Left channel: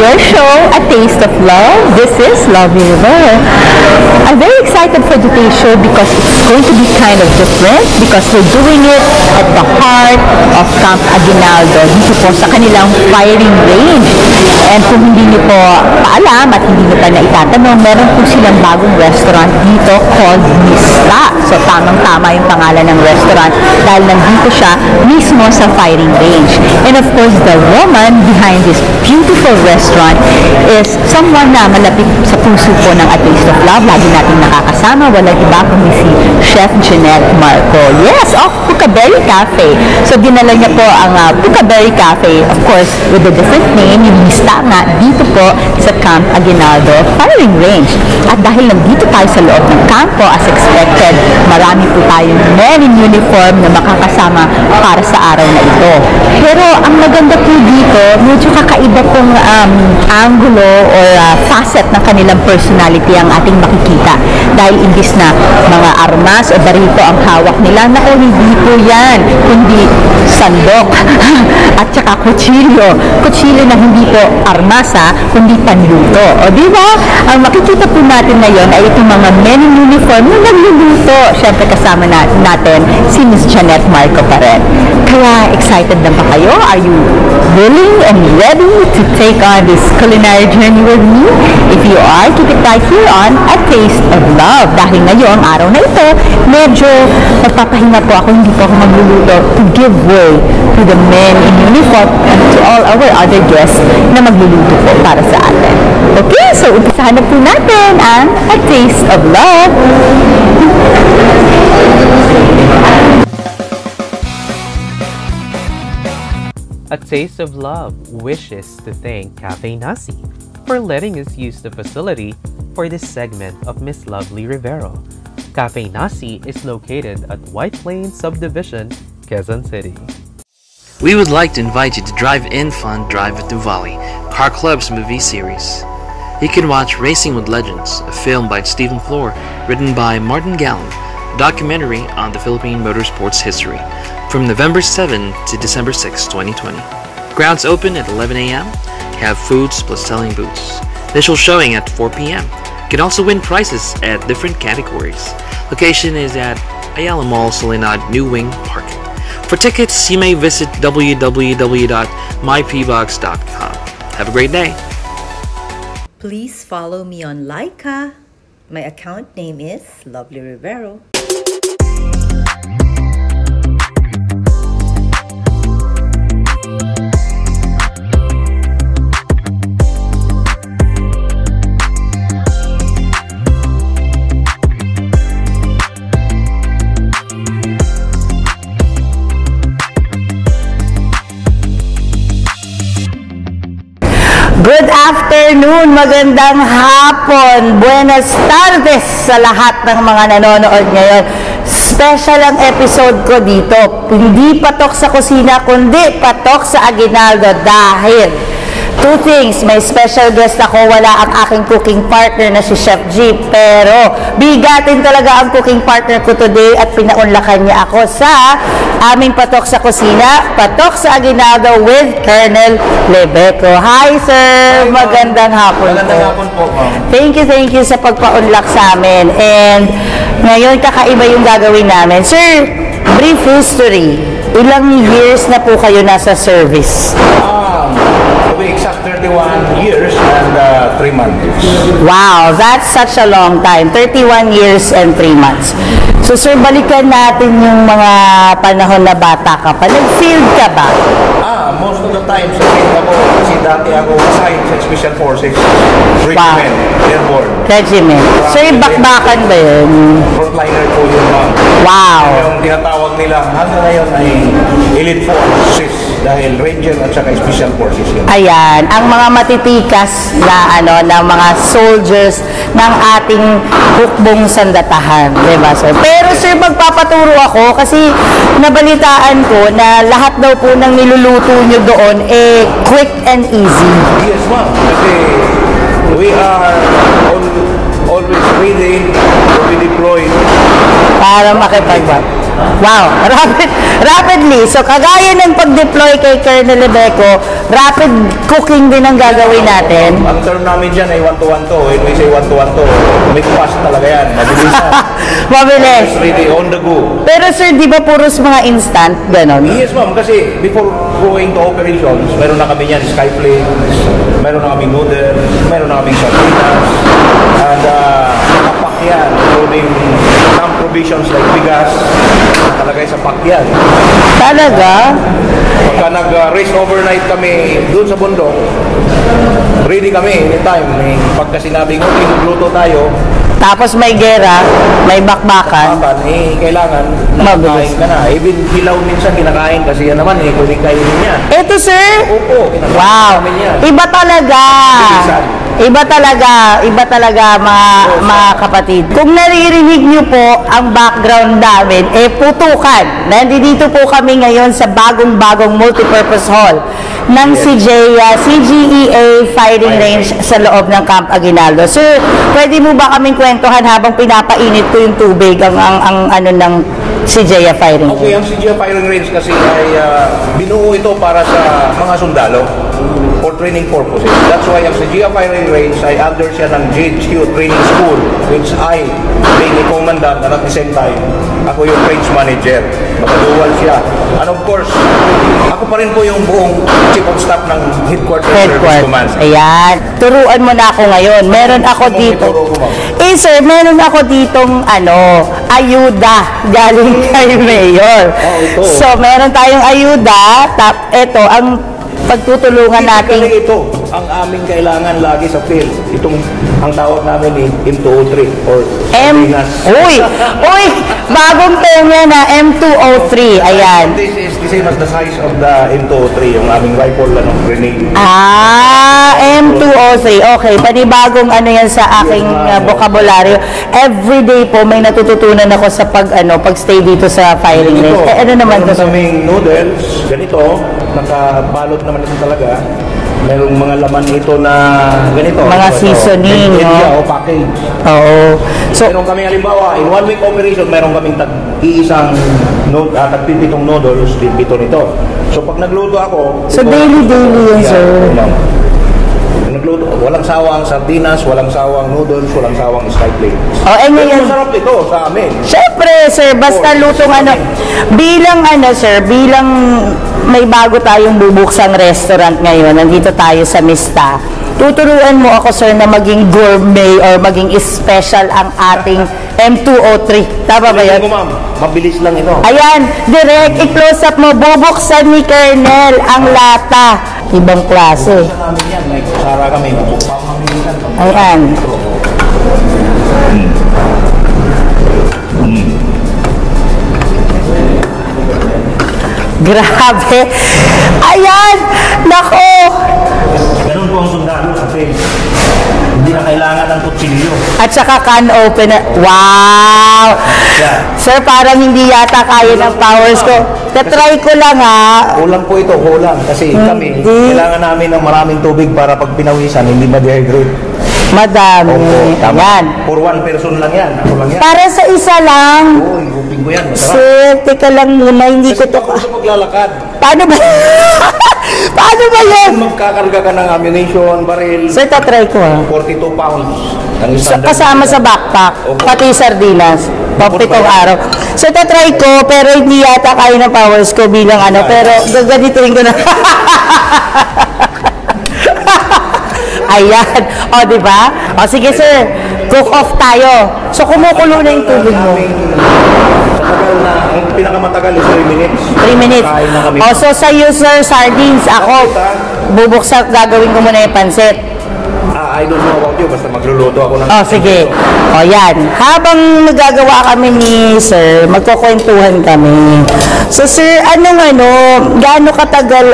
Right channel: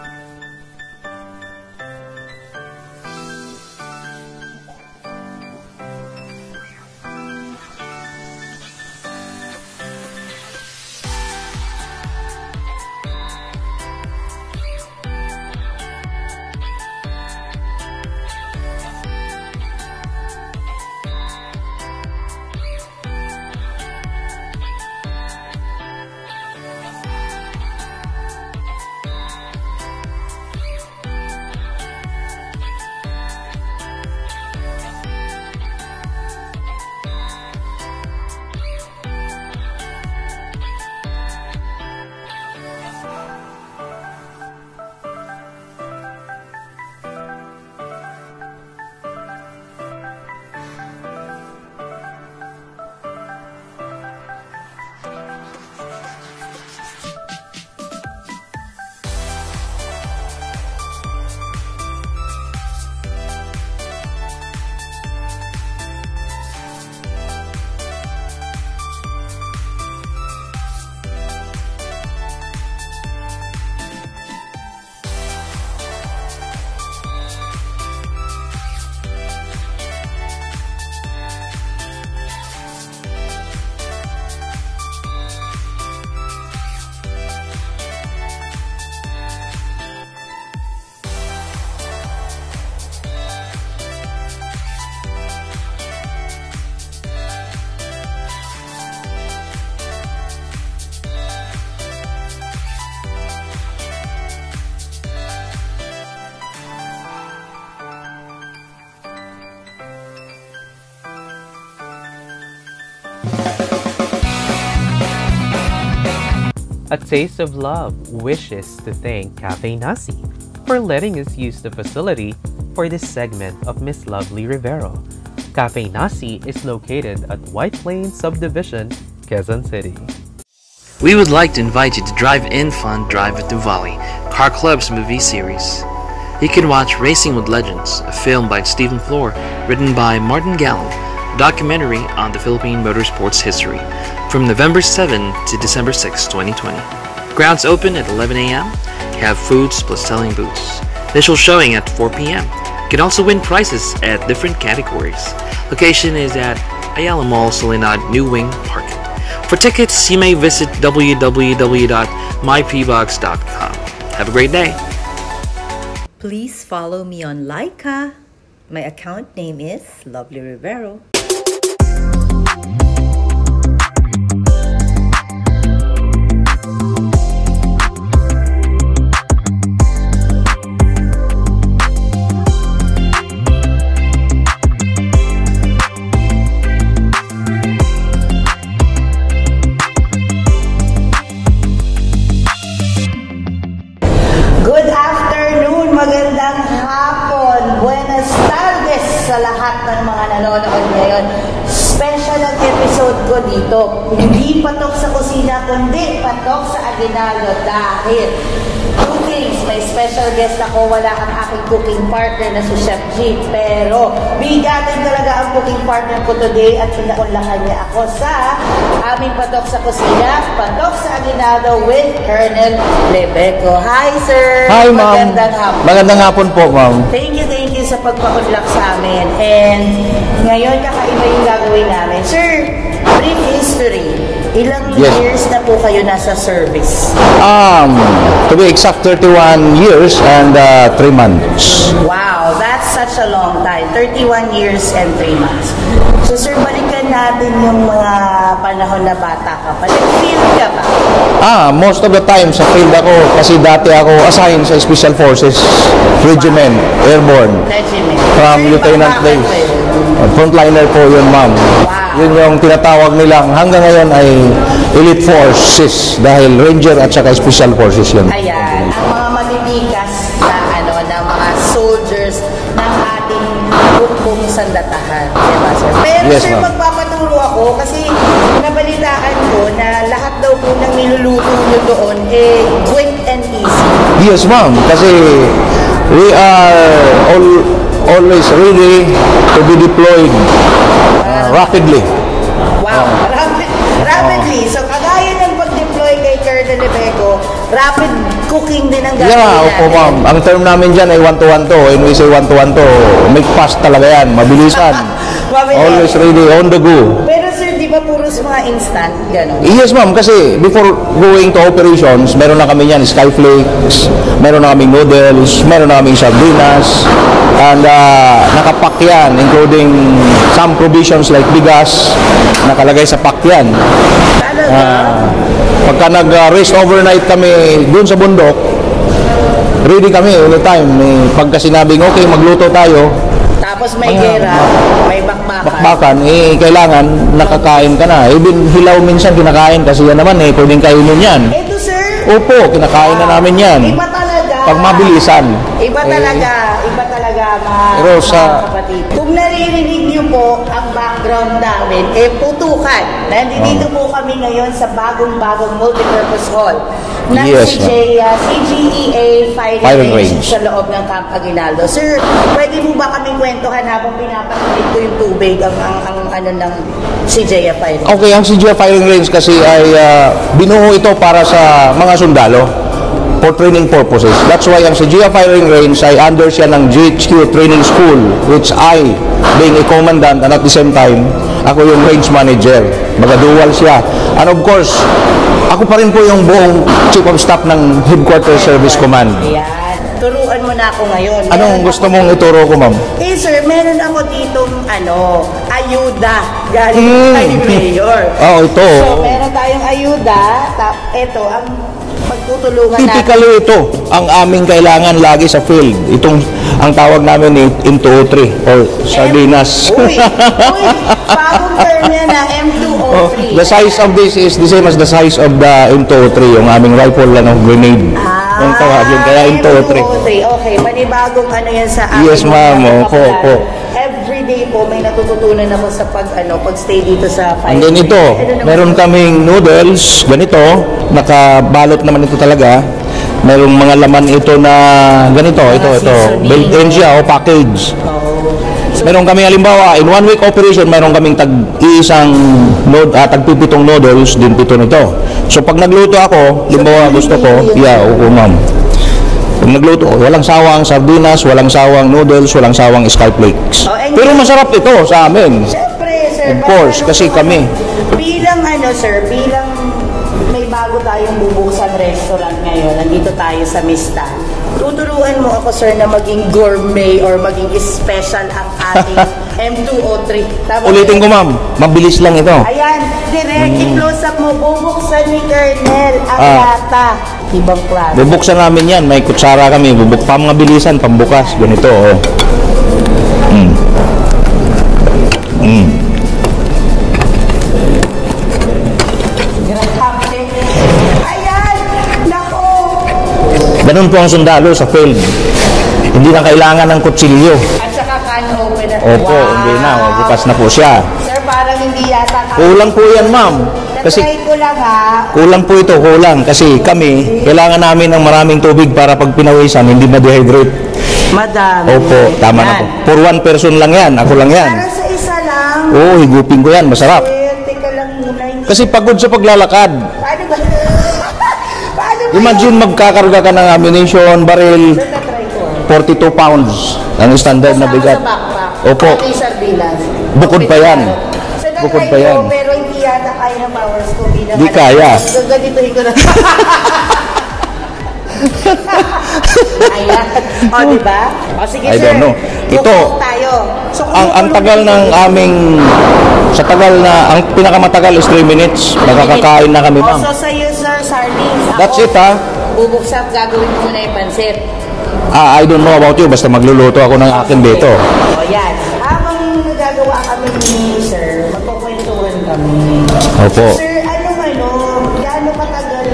your show, A Taste of Love. This is Lovely River. I'm very excited for today's show because it's going to be kind of different because we're doing it at the heart of Camp Aguinaldo, dito po sa kanilang firing range. And kung hindi niyo po paalam at hindi niyo pa na itatanong, meron po silang bagong restaurant dito called Mista. So tamang-tama yung pangalan ng restaurant dahil nandito siya mismo sa firing range. And of course, the woman behind this beautiful restaurant is someone na malapit sa puso po ng A Taste of Love. Lagi natin nakakasama, walang iba kundi si Chef Jeanette Marco. Yes, of Pucaberry Cafe. So dinala niya po ang Pucaberry Cafe, of course, with a different name, yung Mista nga, dito po sa Camp Aguinaldo firing range. At dahil nandito tayo sa loob ng kampo, as expected, marami po tayong men in uniform na makakasama para sa araw na ito. Pero ang maganda po dito, medyo kakaiba pong angulo or facet ng kanilang personality ang ating makikita. Dahil imbis na mga armas o barito ang hawak nila, naku, hindi po yan, kundi sandok at saka kutsilyo. Kutsilyo na hindi po armas kundi panluto. O di ba? Ang makikita po natin ngayon ay itong mga men in uniform na nagluluto. Siyempre kasama natin si Miss Jeanette Marco pa rin. Kaya excited na ba kayo? Are you willing and ready to take on this culinary journey with me? If you are, keep it right here on A Taste of Love. Dahil ngayong araw na ito, medyo magpapahinga po ako, hindi po ako magluluto to give way to the men in uniform and to all our other guests na magluluto po para sa atin. Okay, so umpisahan na po natin ang A Taste of Love. A Taste of Love wishes to thank Cafe Nasi for letting us use the facility for this segment of Miss Lovely Rivero. Cafe Nasi is located at White Plains Subdivision, Quezon City. We would like to invite you to Drive-In Fun Drive at Nuvali, Car Club's movie series. You can watch Racing with Legends, a film by Stephen Floor, written by Martin Gallen, a documentary on the Philippine motorsports history, from November 7 to December 6, 2020. Grounds open at 11 a.m. Have foods plus selling booths. Initial showing at 4 p.m. You can also win prizes at different categories. Location is at Ayala Mall, Soledad, New Wing Park. For tickets, you may visit www.mypbox.com. Have a great day. Please follow me on Laika. My account name is Lovely Rivero. Good afternoon, magandang hapon, buenas tardes sa lahat ng mga nanonood ngayon. Special ang episode ko dito. Hindi patok sa kusina, kundi patok sa Aguinaldo dahil two things, may special guest ako, wala ang aking cooking partner na si Chef G, pero bigatin talaga ang cooking partner ko today at pinaunlakan niya ako sa aming patok sa kusina, patok sa Aguinaldo with Colonel Lebeco. Hi sir! Hi, magandang hapon. Magandang hapon po, ma'am. Thank you sa pagpaunlak sa amin. And ngayon kakaiba yung gagawin namin. Sir, brief history. Ilang years na po kayo nasa service? To be exact, 31 years and 3 months. Wow, that's such a long time. 31 years and 3 months. So sir, balikan natin yung mga panahon na bata ka pa. Nag-field ka ba? Most of the time sa field ako kasi dati ako assigned sa Special Forces Regiment, Airborne. Regiment. From Sir, bakbakan ba yun? Frontliner po yun, ma'am. Wow. Yun yung tinatawag nila hanggang ngayon ay Elite Forces dahil Ranger at saka Special Forces yun. Ayan, ang mga matitikas na na mga soldiers ng ating hukbong sandatahan, diba sir? Pero Yes, sir, magpapaturo ako kasi nabalitaan ko na lahat daw po ng niluluto nyo doon quick and easy. Yes, ma'am. Kasi we are always ready to be deployed Para rapidly. Wow, rapidly. So, kagaya ng pag-deploy kay Colonel Lebeco, rapid cooking din ang gagawin natin. Ang term namin dyan ay 1-to-1 to. When we say 1-to-1 to, make fast talaga yan. Mabilisan. Mabilis. Always ready, on the go. Pero sir, di ba puros mga instant? Ganon. Yes ma'am, kasi before going to operations, meron na kami yan, skyflakes, meron na kaming noodles, meron na kaming sardinas, and nakapack yan, including some provisions like bigas, nakalagay sa pack yan. Talaga? Pagka nag-rest overnight kami dun sa bundok, ready kami anytime. Pagka sinabing, okay, magluto tayo, Tapos may gera, may bakbakan. Kailangan nakakain ka na. Even hilaw minsan kinakain kasi yan naman pwedeng kainin yan. Eto sir? Opo, kinakain na namin yan. Iba talaga. Pag mabilisan. Iba talaga mga kapatid. Kung naririnig niyo po ang background namin, putukan. Nandito po kami ngayon sa bagong-bagong multipurpose hall ng CGEA Firing Range sa loob ng Camp Aguinaldo. So, pwede mo ba kaming kwentuhan habang pinapainit ko yung tubig ang ano ng CGEA Firing Range? Okay, ang CGEA Firing Range kasi ay binuo ito para sa mga sundalo for training purposes. That's why ang CGEA Firing Range ay under siya ng GHQ Training School, which I, being a commandant and at the same time, ako yung range manager. Dual siya. And of course, ako pa rin po yung buong chief of staff ng Headquarters Service Command. Ayan. Turuan mo na ako ngayon. Meron ako dito. Ituro ko, ma'am? Sir, meron ako ditong ayuda galing kay Mayor. Ito. So, meron tayong ayuda. Ito, ang pagtutulungan natin. Typically ito, ang aming kailangan lagi sa field. Ang tawag namin M203 or sardinas. Uy, bagong term yan na M203. The size of this is the same as the size of the M203, yung aming rifle ng grenade. M203. Okay, panibagong yan sa aking vocabulary. Everyday po may natututunan ako sa pag-stay dito sa firing. Meron kaming noodles, ganito, nakabalot naman ito talaga. Merong mga laman ito na ganito. Mga seasoning. O package. Oo. So, meron kami halimbawa, in 1 week operation, meron kaming tag-iisang tagpipitong noodles, din pito nito. So, pag nagluto ako, gusto ko, ma'am. Pag nagluto, walang sawang sardinas, walang sawang noodles, walang sawang skyflakes. Pero masarap ito sa amin. Siyempre, sir, basta lutong bilang may bago tayong bubuksang restaurant ngayon, nandito tayo sa Mista. Tuturuan mo ako, sir, na maging gourmet or maging special ang ating M203. Tama ba yan? Ulitin ko, ma'am. Mabilis lang ito. Ayan, direct i-close up mo. Bubuksan ni Colonel ang lata. Ibang klase. Bubuksan namin yan. May kutsara kami. Pamabilisan, pambukas. Ganito. Grabe. Ayan! Nako! Ganun po ang sundalo sa field. Hindi na kailangan ng kutsilyo. At saka can open. Wow! Bukas na po siya. Sir, parang hindi yata kaya ng powers ko. Tatry ko lang Kulang po ito, kulang. Kasi kami, kailangan namin ng maraming tubig para pag pinawisan, hindi na-dehydrate. Madami. Tama. For one person lang yan. Ako lang yan. Para sa isa lang. Higupin ko yan. Masarap. Sir, teka lang muna. Kasi pagod sa paglalakad. Paano ba? Paano ba Imagine magkakarga ka ng ammunition, baril. Sir, tatry ko 42 pounds. Ang standard kasama sa backpack. Opo. Pati sardinas. Bukod 42 pa yan. araw. So, tatry ko, pero hindi yata kaya ng powers ko bilang Pero, gagaditin ko na. Ayan. Diba? Sige, sir. Cook off tayo. So, kumukulo na yung tubig. Sa tagal na, ang pinakamatagal is 3 minutes. 3 minutes. Nakakain na kami. So, sa user sardines, ako, bubuksak, gagawin ko muna yung pansit. I don't know about you, basta magluluto ako ng akin dito. Yan. Habang nagagawa kami ni sir, magkukwentuhan kami. So sir, gaano katagal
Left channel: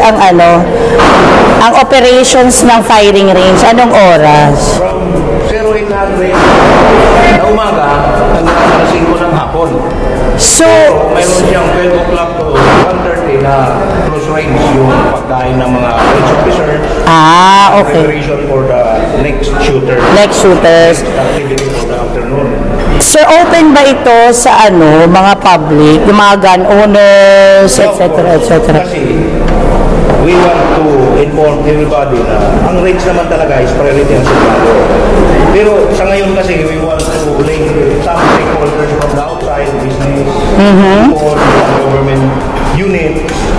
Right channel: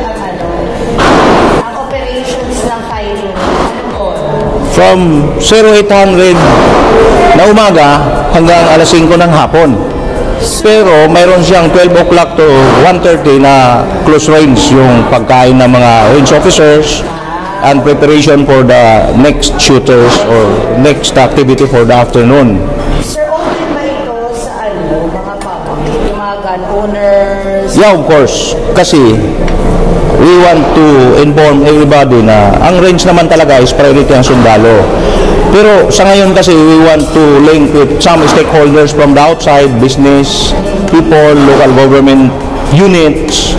ang operations ng firing range? Anong oras? From 0800 na umaga hanggang alas 5 ng hapon. Pero mayroon siyang 12 o'clock to 1:30 na close range yung pagkain ng mga range officers and preparation for the next shooters next activity for the afternoon. Sir, open ba ito sa mga public, yung mga gun owners? Yeah, of course. Kasi we want to inform everybody na ang range naman talaga is priority ang sundalo. Pero sa ngayon kasi we want to link with some stakeholders from the outside, business, people, local government units.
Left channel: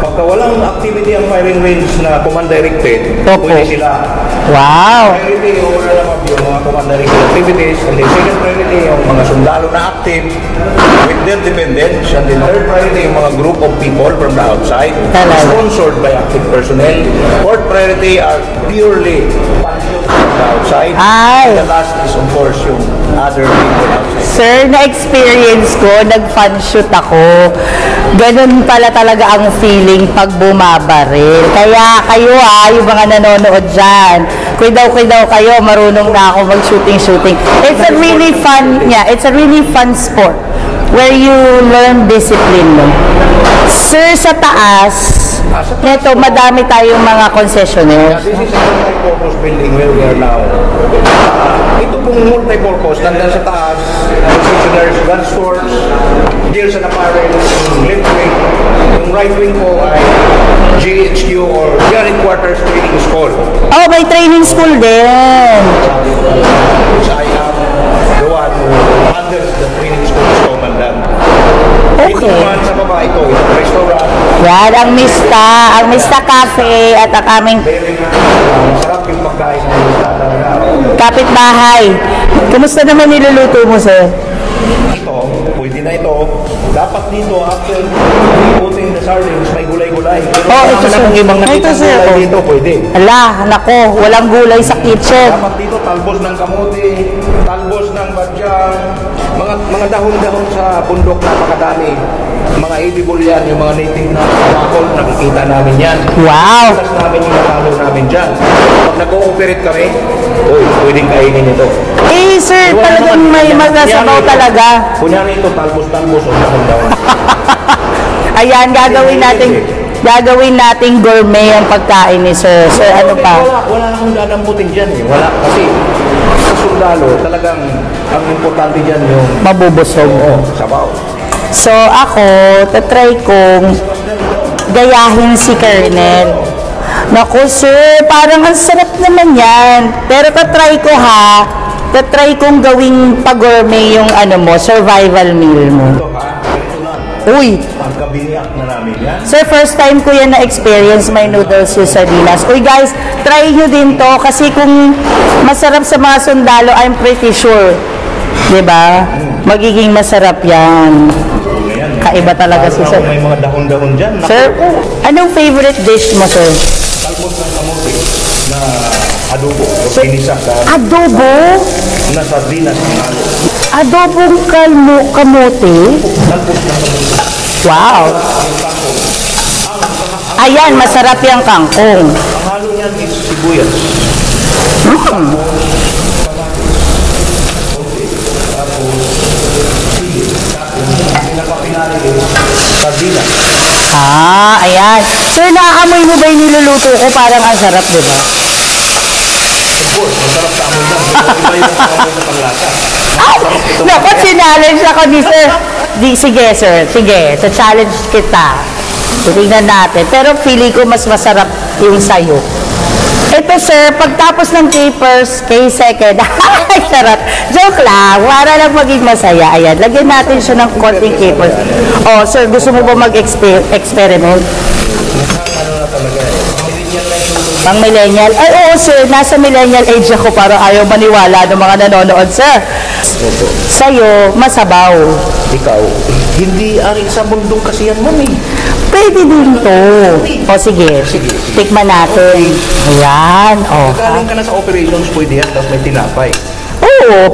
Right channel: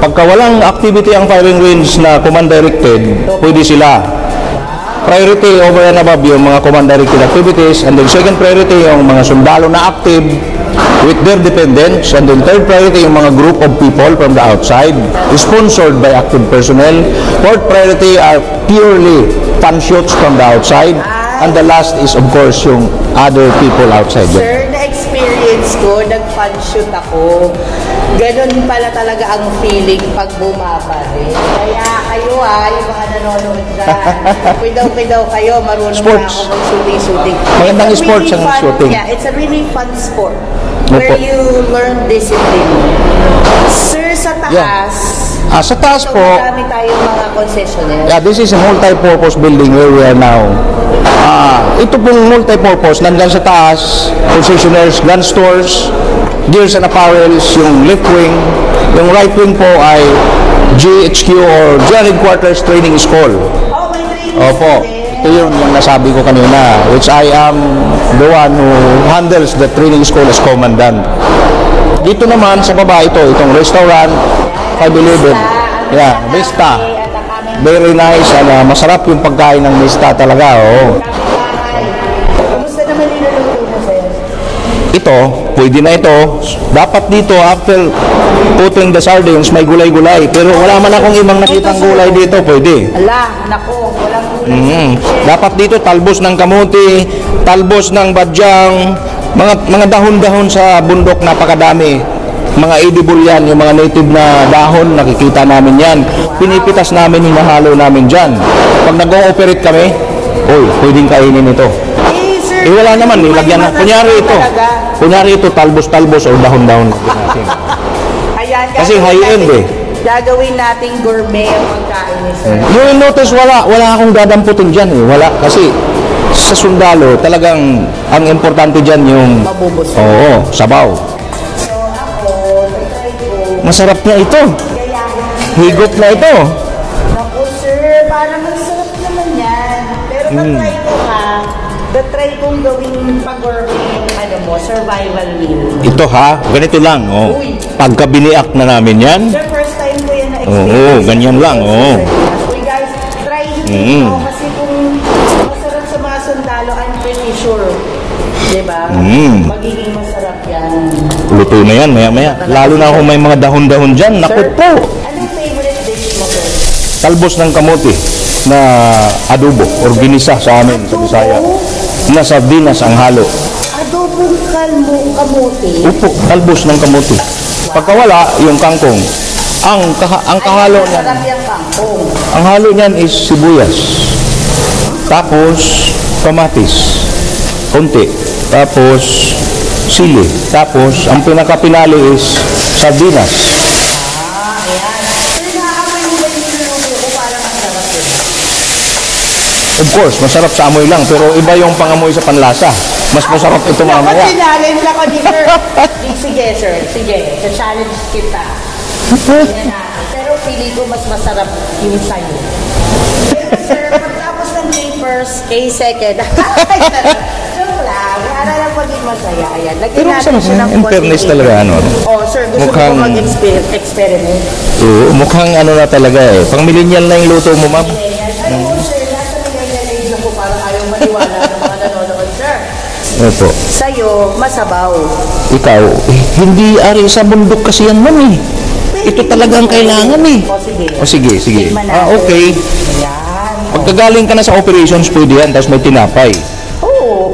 Pagka walang activity ang firing range na command-directed, pwede sila. Wow! Priority over and above yung mga command-directed activities, and then second priority yung mga sundalo na active with their dependents, and then third priority yung mga group of people from the outside sponsored by active personnel. Fourth priority are purely fun shoots from the outside, and the last is of course yung other people outside. Sir, na-experience ko, nag-fun shoot ako. Ganun pala talaga ang feeling pag bumabaril. Kaya kayo yung mga nanonood dyan, kuidaw kayo, marunong na ako mag-shooting. It's a really fun, it's a really fun sport where you learn discipline. Sir, sa taas, sa taas dito madami tayong mga concessionaires. Yeah, this is a multi-purpose building where we are now. Ito pong multi-purpose, nandyan sa taas, concessionaires, gun stores, gears and apparels, yung left wing. Yung right wing po ay GHQ or General Headquarters Training School. Oh, may training school din. Ito yung nasabi ko kanina, which I am the one who handles the training school's commandant. Dito naman sa baba itong restaurant. Yan, ang Mista Cafe at ang aming... Very nice, masarap yung pagkain ng Mista talaga. Kapitbahay. Kumusta naman niluluto mo, sir? Ito, pwede na ito. Dapat dito, after putting the sardines, may gulay-gulay. Pero wala man akong ibang nakita dito, pwede. Nako, walang gulay sa kitchen. Dapat dito, talbos ng kamote, talbos ng badyang, mga dahon-dahon sa bundok, napakadami. Mga edible yan, yung mga native na dahon, nakikita namin yan. Pinipitas namin, hinahalo namin dyan. Pag nag-ooperate kami, pwedeng kainin ito. Sir, wala naman, may masasabaw talaga. Kunyari ito, talbos-talbos o dahon-dahon. Ayan, gagawin natin gourmet yung pagkain ni Sir. Notice, wala akong dadamputin dyan eh. Wala, kasi sa sundalo, talagang ang importante dyan yung mabubusog. Oo, sabaw. So ako, tatry kong masarap na ito. Gayahin si Colonel. Naku sir, parang ang sarap naman yan. Pero tatry ko tatry kong gawing pag-gourmet yung survival meal mo. Ito ganito lang. Uy! Pagka biniak na namin yan. Sir, first time ko yan na-experience may noodles sa Salinas. Uy guys, try nyo din to kasi kung masarap sa mga sundalo, I'm pretty sure. Diba? Magiging masarap yan. Luto na yan. Lalo na kung may mga dahon-dahon dyan. Sir po, anong favorite dish mo, sir? Talbos ng kamote na adobo or ginisa sa amin. Adobo? Na sardinas ang halo. Adobong kamote? Talbos ng kamote. Wow. Pagkawala, yung kangkong. Ayan, masarap yung kangkong. Ang halo niyan is sibuyas. Tapos, kamatis. Konti. Tapos, sili. Tapos, ang pinakapinalo is sardinas. Ayan. Sir, naaamoy mo ba yung niluluto ko? Parang ang sarap, diba? Of course, masarap sa amoy lang. Pero iba yung pangamoy sa panlasa. Mas masarap ito mamaya. Dapat sinallenge ako ni sir. Sige, sir. Sige, sa-challenge kita. Tingnan natin. Pero feeling ko mas masarap yung sayo. Ito sir, pagtapos ng K-second, joke lang, para lang maging masaya. Ayan, lagyan natin siya ng konting capers. Sir, gusto mo ba mag-experiment? Mukhang na talaga eh. Pang millennial na yung luto mo. Pang millennial? Oo sir, nasa millennial age ako para ayaw maniwala ng mga nanonood sir. Sa'yo, masabaw. Ikaw, hindi ari sa bundok kasi yan mo eh. Pwede talagang kailangan eh. Sige. Tikman natin. Okay. Ayan. Pagkagaling ka na sa operations, pwede yan, tapos may tinapay.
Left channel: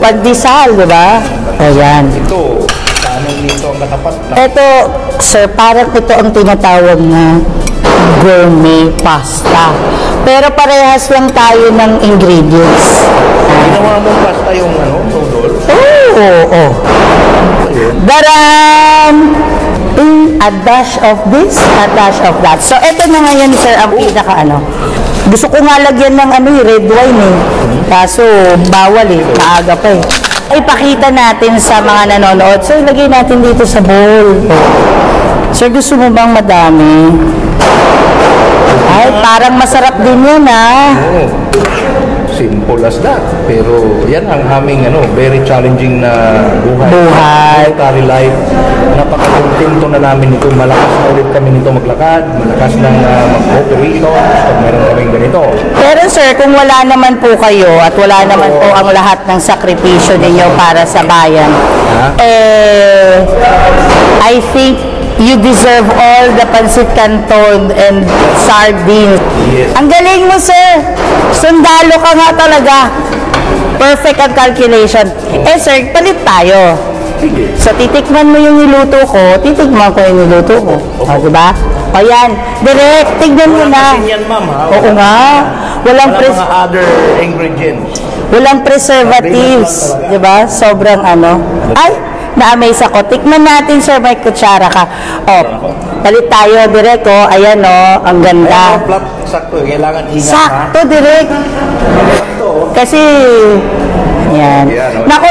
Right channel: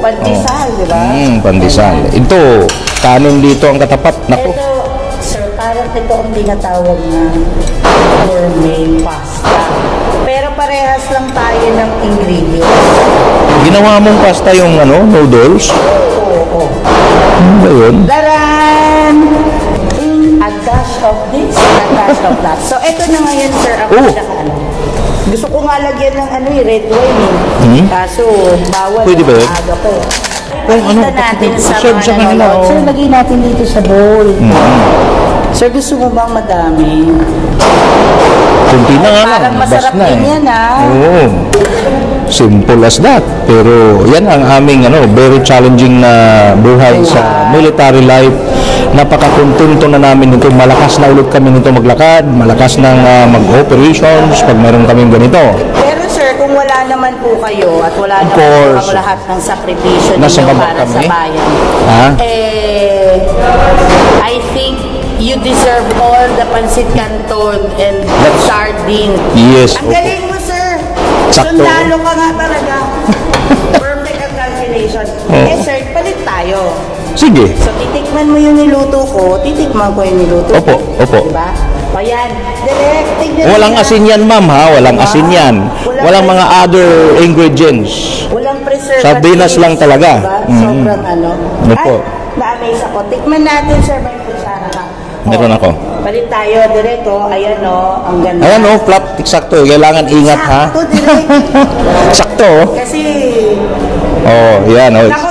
pandesal, di ba? Pandesal. Ayan. Ito, kanin dito ang katapat. Naku. Ito, sir, parang ito ang tinatawag na gourmet pasta. Pero parehas lang tayo ng ingredients. Ginawa mong pasta yung noodles? Oo. Daran! A dash of this, a dash of that. So, ito na ngayon, sir, ang pinaka Gusto ko nga lagyan ng red wine eh. Kaso, bawal eh. Maaga pa eh. Ipakita natin sa mga nanonood. Sir, lagay natin dito sa bowl. Sir, gusto mo bang madami? Ay, parang masarap din yan Simple as that. Pero yan ang aming very challenging na buhay sa military life. Napaka-kontento na namin nito. Malakas na ulit kami nito maglakad, malakas ng mag-operations pag meron kaming ganito. Pero sir, kung wala naman po kayo at wala naman po ang lahat ng sakripisyo ninyo para sa bayan, I think you deserve all the pancit canton and sardine. Yes. Ang galing mo, sir. Sundalo ka nga talaga. Perfect ang calculation. Sir, palit tayo. Sige. So, titikman mo yung niluto ko, titikman ko yung niluto ko. Opo. Diba? O yan. Direct, tignan mo na. Walang asin yan, ma'am, ha? Walang asin yan. Walang mga other ingredients. Walang preservatives. Sardinas lang talaga. Diba? Sobrang Ay, na-amaze ako. Tikman natin, sir, may kutsara ka. Meron ako. Palit tayo, direct, Ayan, ang ganda. Ayan, flat, eksakto. Kailangan ingat, ha? Sakto, direct. Sakto. Kasi, yan. naku,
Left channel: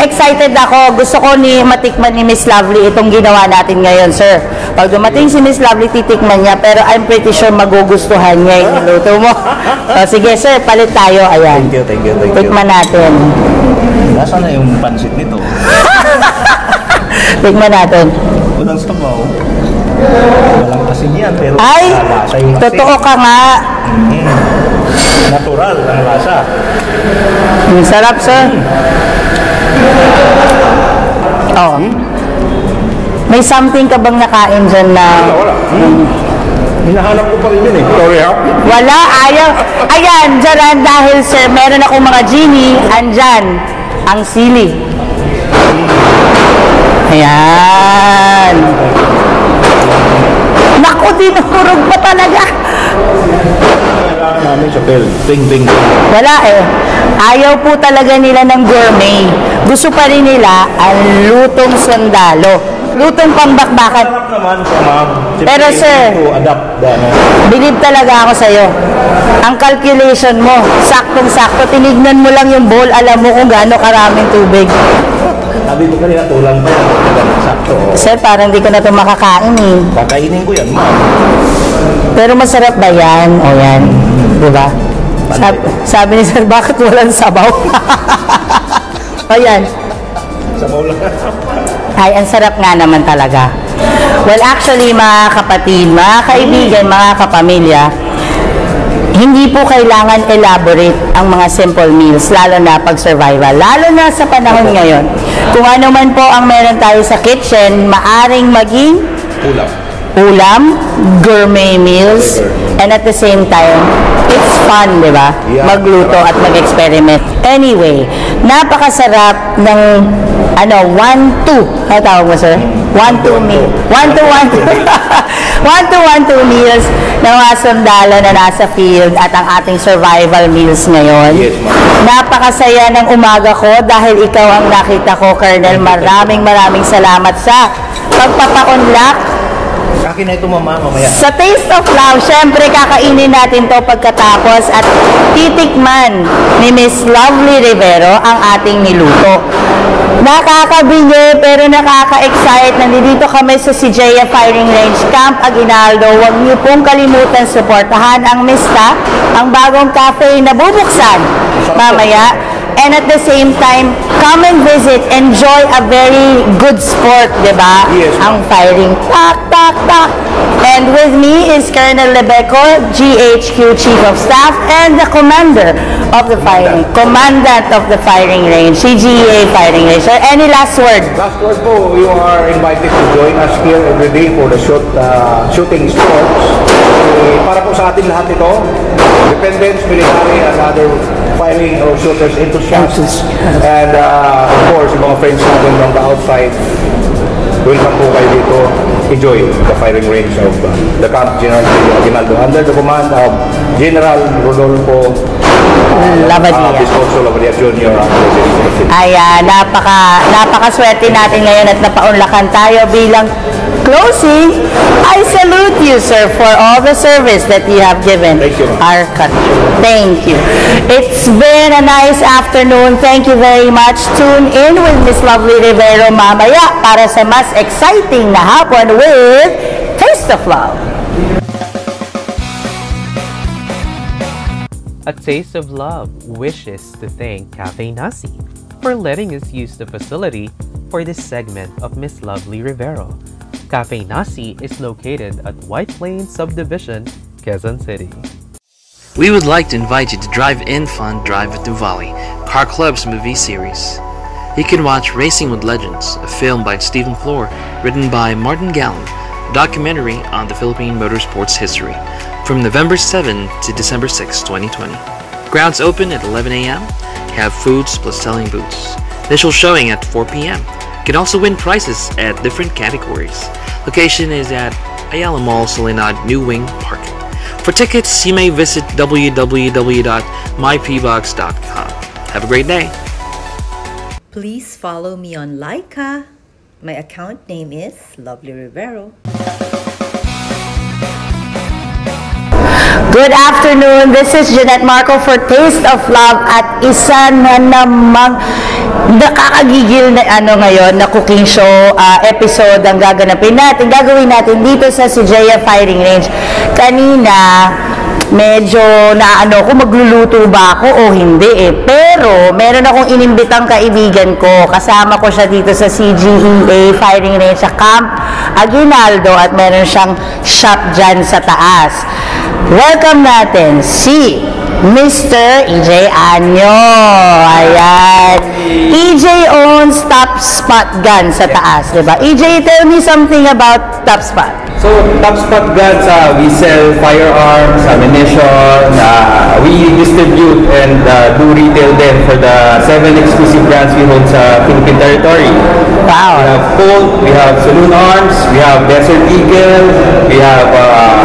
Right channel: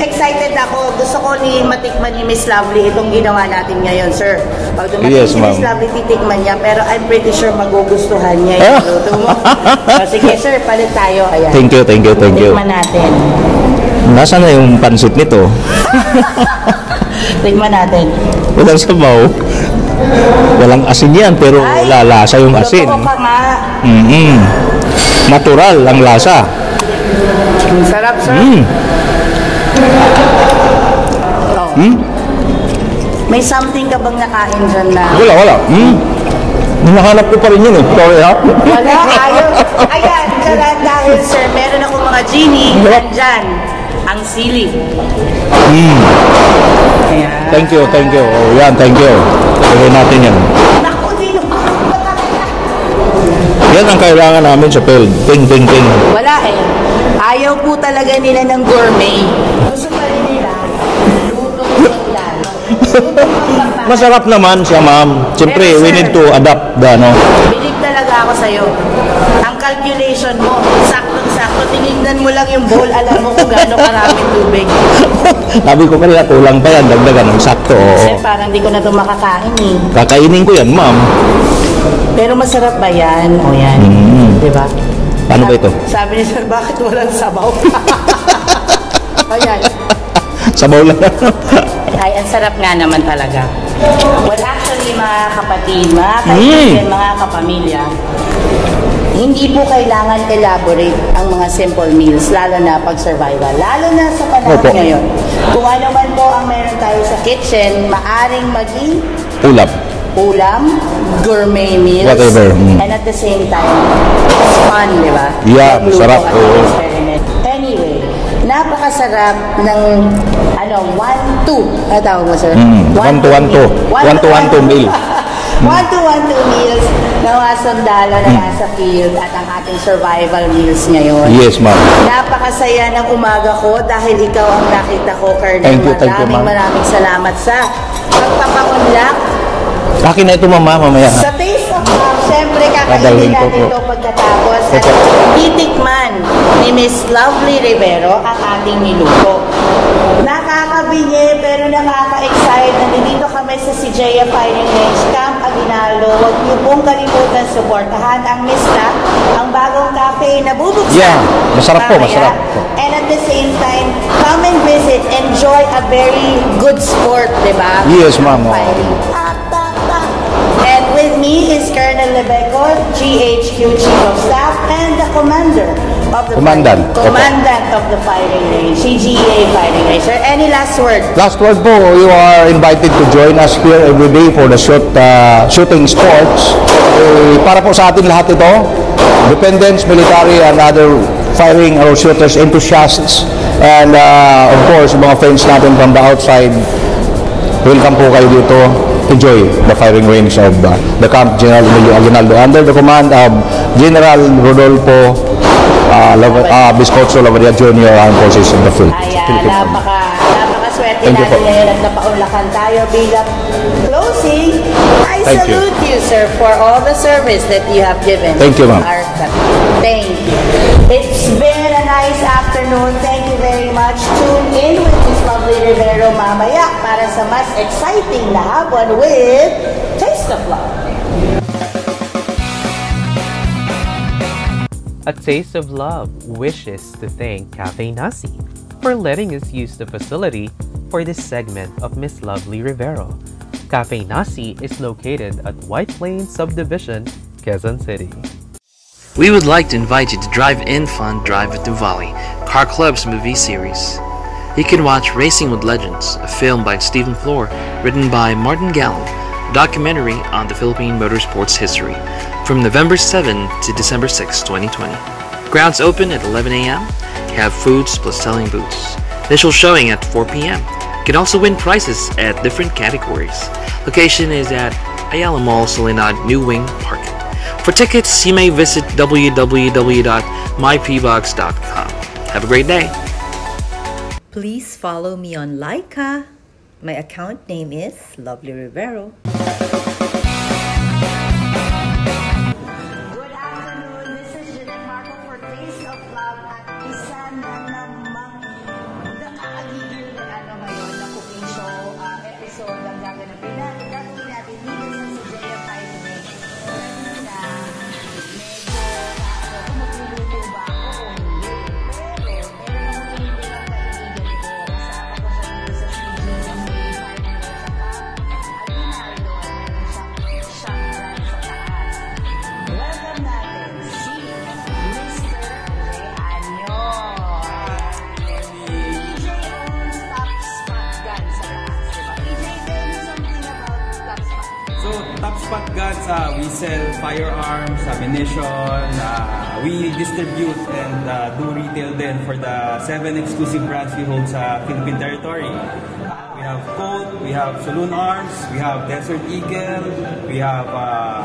excited ako. Gusto ko matikman ni Miss Lovely itong ginawa natin ngayon, sir. Pag dumating si Miss Lovely, titikman niya. Pero I'm pretty sure magugustuhan niya yung luto mo. Sige, sir, palit tayo. Ayan. Thank you. Tikman natin. Nasaan na yung pansit nito? Tignan natin. Walang sabaw. Walang asin yan, pero lalasa yung asin. Totoo ka nga. Natural ang lasa. Ang sarap, sir. May something ka bang nakain dyan na... Wala. Hinahanap ko pa rin yun eh. Wala, ayaw. Ayan, dyan dahil, sir, meron akong mga genie. Andyan, ang sili. Ayan. Thank you. Ayan, thank you. Kailangan natin yan. Naku, dinurog pa talaga. Yan ang kailangan namin sa field. Ting. Wala eh. Ayaw po talaga nila ng gourmet. Gusto pa rin nila ang lutong sundalo. Lutong pangbakbakan. Masarap naman siya, ma'am. Siyempre, Pero, sir, we need to adapt the Believe talaga ako sa'yo. Ang calculation mo, saktong-sakto. Tinignan mo lang yung bowl, alam mo kung gaano karaming tubig. Sabi ko kanila, tulang pa yan. Dagdagan ng sakto. Sir, parang di ko na ito makakain eh. Kakainin ko yan, ma'am. Pero masarap ba yan? O yan. Diba? Ano ito? Sabi ni sir, bakit walang sabaw? Ayan. Sabaw lang. Ay, ang sarap nga naman talaga. Well, actually, mga kapatid, mga kaibigan, mga kapamilya, hindi po kailangan elaborate ang mga simple meals, lalo na pag survival, lalo na sa panahon ngayon. Kung ano man po ang meron tayo sa kitchen, maaring maging ulam, gourmet meals, and at the same time, it's fun, di ba? Yeah, magluto sarap. at mag-experiment. Anyway, napakasarap ng 1-2. Ano tawag mo, sir? 1-2 meal. 1-2 meals ng mga sundalo na nasa field at ang ating survival meals ngayon. Yes, ma'am. Napakasaya ng umaga ko dahil ikaw ang nakita ko, Colonel. Maraming salamat sa pagpapaunlak. Akin na ito, mamaya. Sa Taste of Love, syempre kakainin natin to pagkatapos at titikman ni Miss Lovely Rivero ang ating niluto. Nakakabingi pero nakaka-excite. Nandito kami sa Sijaya Firing Range, Camp Aguinaldo. Huwag niyo pong kalimutan suportahan ang Mista, ang bagong cafe na bubuksan mamaya. And at the same time, come and visit, enjoy a very good sport, diba? Yes, ma'am. Ang firing. Tak. And with me is Colonel Lebeco, GHQ Chief of Staff, and the Commandant of the Firing Range, CGA Firing Range. Sir, any last word? Last word po, you are invited to join us here every day for the shooting sports. Para po sa ating lahat ito, dependents, military, and other firing or shooters enthusiasts. And of course, yung mga friends natin from the outside, welcome po kayo dito. Enjoy the firing range of the Camp General Aguinaldo under the command of General Rodolfo Biscocho Lavadiag Jr. ang forces of the field. Ayan, napakaswerte natin ngayon at napaunlakan tayo bilang closing. I salute you, sir, for all the service that you have given. Thank you, ma'am. Our country. Thank you. It's been a nice afternoon. Thank you very much. Tune in with Miss Lovely Rivero mamaya para sa mas exciting na hapon with Taste of Love. A Taste of Love wishes to thank Cafe Nasi for letting us use the facility for this segment of Miss Lovely Rivero. Cafe Nasi is located at White Plains Subdivision, Quezon City. We would like to invite you to drive-in fun Drive at Nuvali, Car Club's movie series. You can watch Racing with Legends, a film by Stephen Flor, written by Martin Gallant, a documentary on the Philippine motorsports history, from November 7 to December 6, 2020. Grounds open at 11 a.m. You have foods plus selling booths. Initial showing at 4 p.m. You can also win prizes at different categories. Location is at Ayala Mall, Soledad, New Wing Park. For tickets, you may visit www.mypbox.com. Have a great day. Please follow me on Laika. My account name is Lovely Rivero. Good afternoon. This is Jeanette Marco for Taste of Love at isa na namang nakakagigil na ngayon na cooking show episode ang gagawin natin dito sa Sijaya Firing Range. Kanina medyo kung magluluto ba ako o hindi pero meron akong inimbitang kaibigan ko, kasama ko siya dito sa CGEA Firing Range sa Camp Aguinaldo at meron siyang shop dyan sa taas. Welcome natin si Mr. EJ Anyo. Ayan. EJ owns Top Spot Gun sa taas, diba? EJ, tell me something about Top Spot. So, Top Spot Guns, we sell firearms, ammunition, we distribute and do retail then for the 7 exclusive brands we hold sa Philippine territory. Wow. We have Colt, we have Saloon Arms, we have Desert Eagle, we have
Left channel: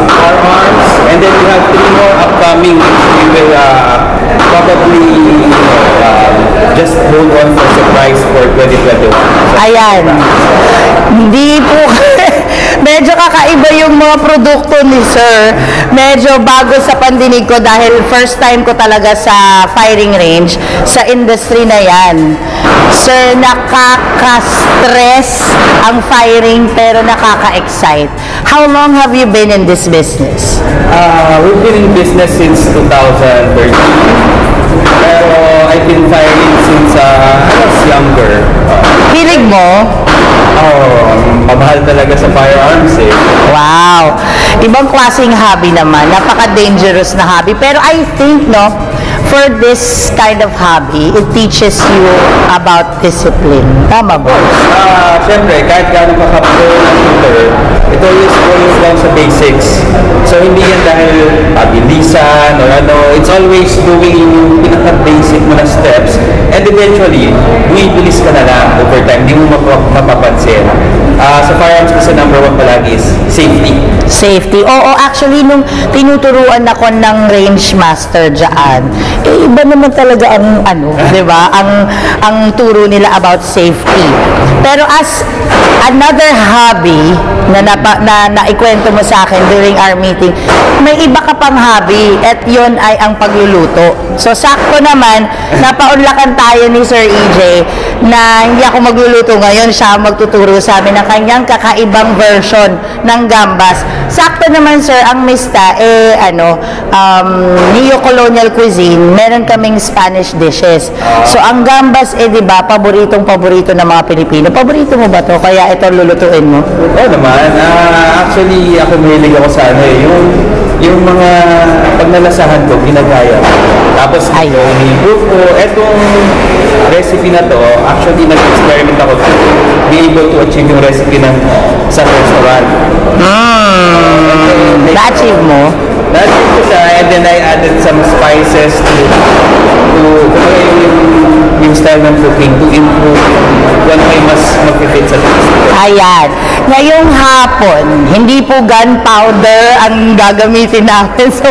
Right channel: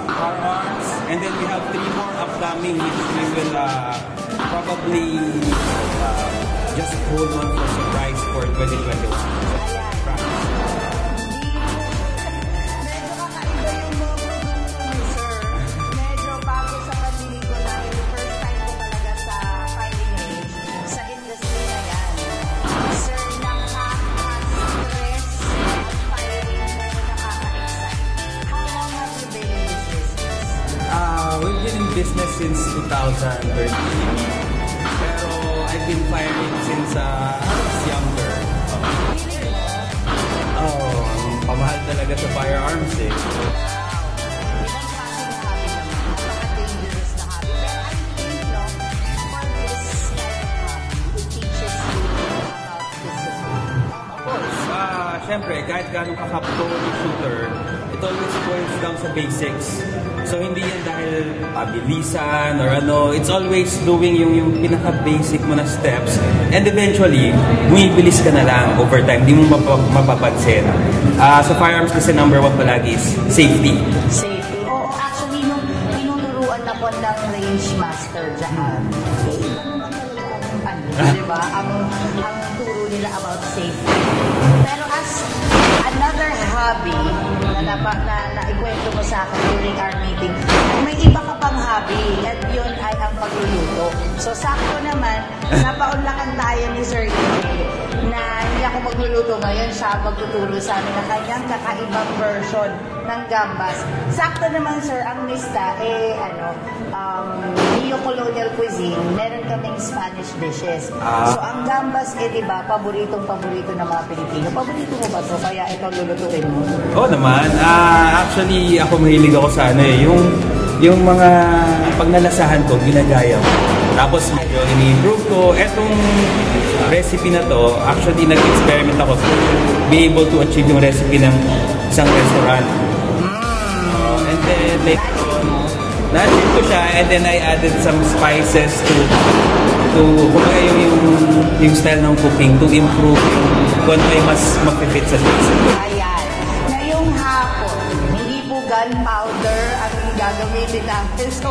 Firearms, and then we have 3 more upcoming which we will probably just hold on for surprise for 2021. Ayan. Hindi po medyo kakaiba yung mga produkto ni Sir. Medyo bago sa pandinig ko dahil first time ko talaga sa firing range, sa industry na yan. Sir, nakaka-stress ang firing pero nakaka-excite. How long have you been in this business? We've been in business since 2013. Pero I've been firing since I was younger. Hilig mo? Mamahal talaga sa firearms eh. Wow! Ibang klaseng hobby naman. Napaka-dangerous na hobby. Pero I think, for this kind of hobby, it teaches you about discipline. Tama ba? Siyempre, kahit gano'ng kakapro na shooter, it always boils down sa basics. So, hindi yan dahil pabilisan or it's always doing yung pinaka-basic mo na steps. And eventually, bumibilis ka na lang over time. Hindi mo mapapansin. Sa firearms kasi number 1 palagi is safety. Safety. Oo, actually, nung tinuturuan ako ng range master dyan, iba naman talaga ang di ba? Ang turo nila about safety. Pero as another hobby na naikwento mo sa akin during our meeting, may iba ka pang hobby at yun ay ang pagluluto. So, sakto naman, napaunlakan tayo ni Sir EJ na hindi ako magluluto ngayon, siya magtuturo sa amin ng kanyang kakaibang version ng gambas. Sakto naman, sir, ang Mista, neo-colonial cuisine, meron kaming Spanish dishes. So, ang gambas, di ba, paboritong-paborito ng mga Pilipino. Paborito mo ba to? Kaya ito lulutuin mo? Oo naman. Actually, ako mahilig ako sa yung mga pagnalasahan ko, ginagaya. Tapos, ini-improve ko. Etong recipe na to, actually, nag-experiment ako to be able to achieve yung recipe ng isang restaurant. Na-achieve mo? Na-drip ko siya and then I added some spices to kumbaga yung style ng cooking to improve kung ano may mas mag-fit sa taste. Ayan. Ngayong hapon, hindi po gunpowder ang gagamitin namin sa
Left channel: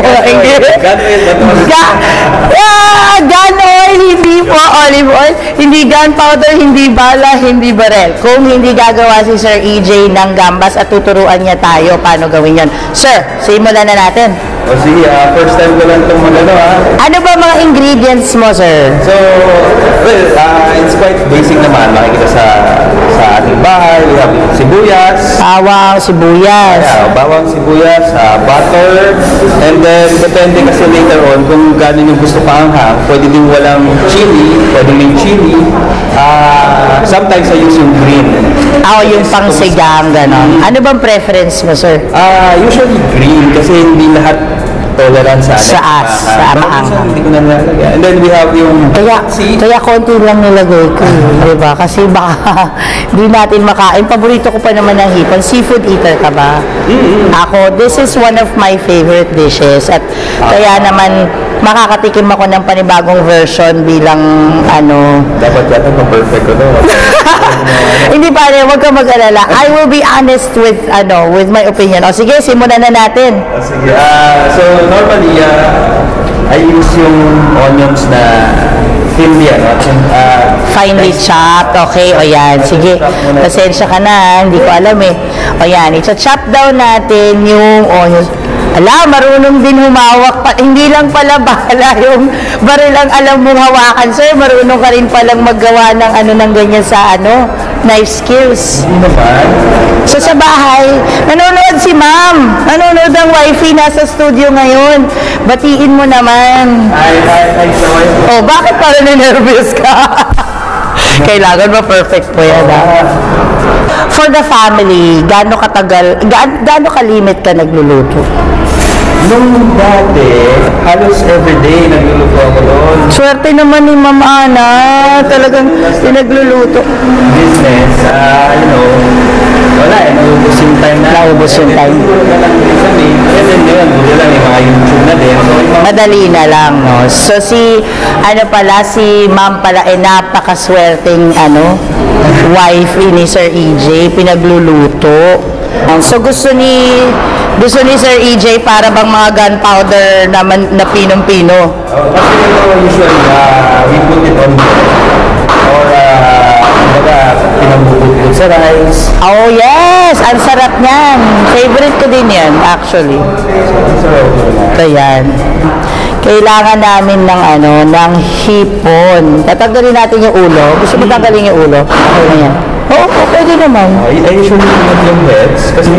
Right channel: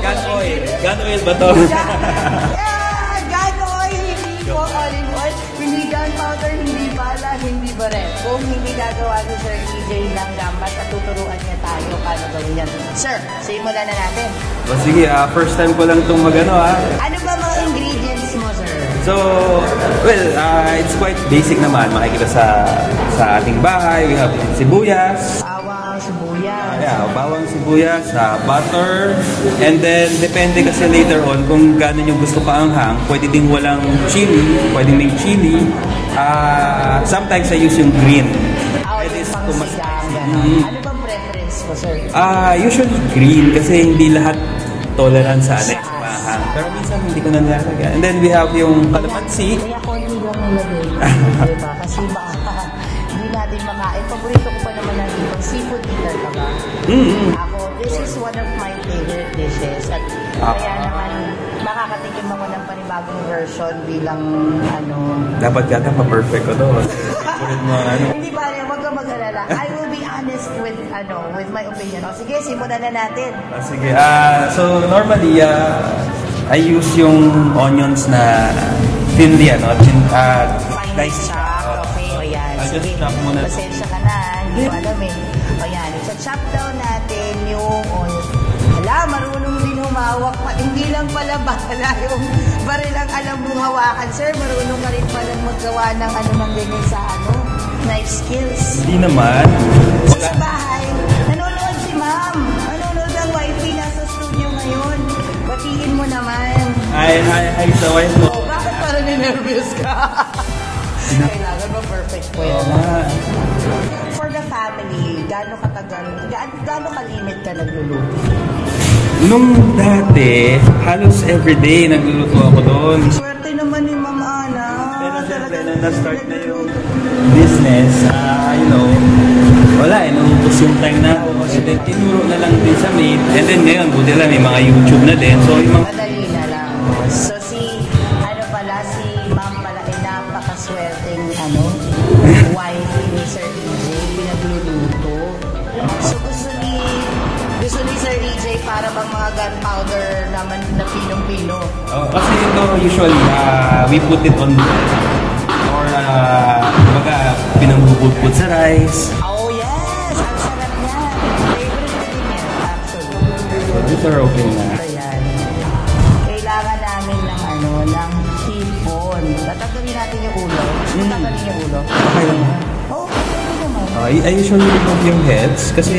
gun oil, hindi po olive oil, hindi gunpowder, hindi bala, hindi barel. Kung hindi gagawa si Sir EJ ng gambas at tuturuan niya tayo paano gawin yan. Sir, simulan na natin. O sige, first time ko lang itong magano Ano ba mga ingredients mo, sir? So, well, it's quite basic naman. Makikita sa ating bahay. We have sibuyas. Bawang, sibuyas. Yeah, bawang, sibuyas, butter. And then, depende kasi later on kung gano'n yung gusto kaanghang. Pwede din walang chili. Pwede may chili. Sometimes I use yung green. Yung pangsigang, gano'n. Ano bang preference mo, sir? Usually green kasi hindi lahat tolerant sa maanghang. Hindi ko na nilalagay. And then we have yung kaya konti lang nilagay ko, diba? Kasi baka hindi natin makain. Paborito ko pa naman ng hipon. Seafood eater ka ba? Ako, this is one of my favorite dishes. At kaya naman makakatikim ako ng panibagong version bilang dapat yata ma-perfect ko to. Hindi pa rin, huwag ka mag-alala. I will be honest with my opinion. O sige, simulan na natin. Sige. So normally I use yung onions na thinly finely chopped. Okay, o yan. Sige, pasensya ka na. Hindi ko alam eh. O yan, i-chop down natin yung onions. Marunong din humawak pa. Hindi lang pala bala yung baril ang alam mong hawakan, sir. Marunong ka rin palang maggawa ng ganyan sa knife skills. Hindi naman. So sa bahay, nanonood si ma'am. Nanonood ang wifey, nasa studio ngayon. Batiin mo naman. Hi, sa wife. Oh, bakit parang nervous ka? Kailangan ba perfect po yan, For the family, gaano kalimit ka nagluluto? Nung dati, halos everyday nagluluto ako doon. Swerte naman ni Ma'am Ana, talagang pinagluluto. Business, wala naubos yung time na. Naubos yung time. Siguro na lang din sa maid. And then ngayon, buti lang yung mga YouTube na din. So, madali na lang, no? So si Ma'am pala, napakaswerteng, wife ni Sir EJ, pinagluluto. So gusto ni Sir EJ para bang mga gunpowder naman na pinong-pino? Kasi usually, we put it on or pinabubudbud sa rice. Oh yes! Ang sarap niyan. Favorite ko din yan, actually. Ayan. Kailangan namin ng hipon. Tatanggalin natin yung ulo. Gusto mo tanggalin yung ulo? Okay lang yan. Oo, pwede naman. I usually remove yung heads kasi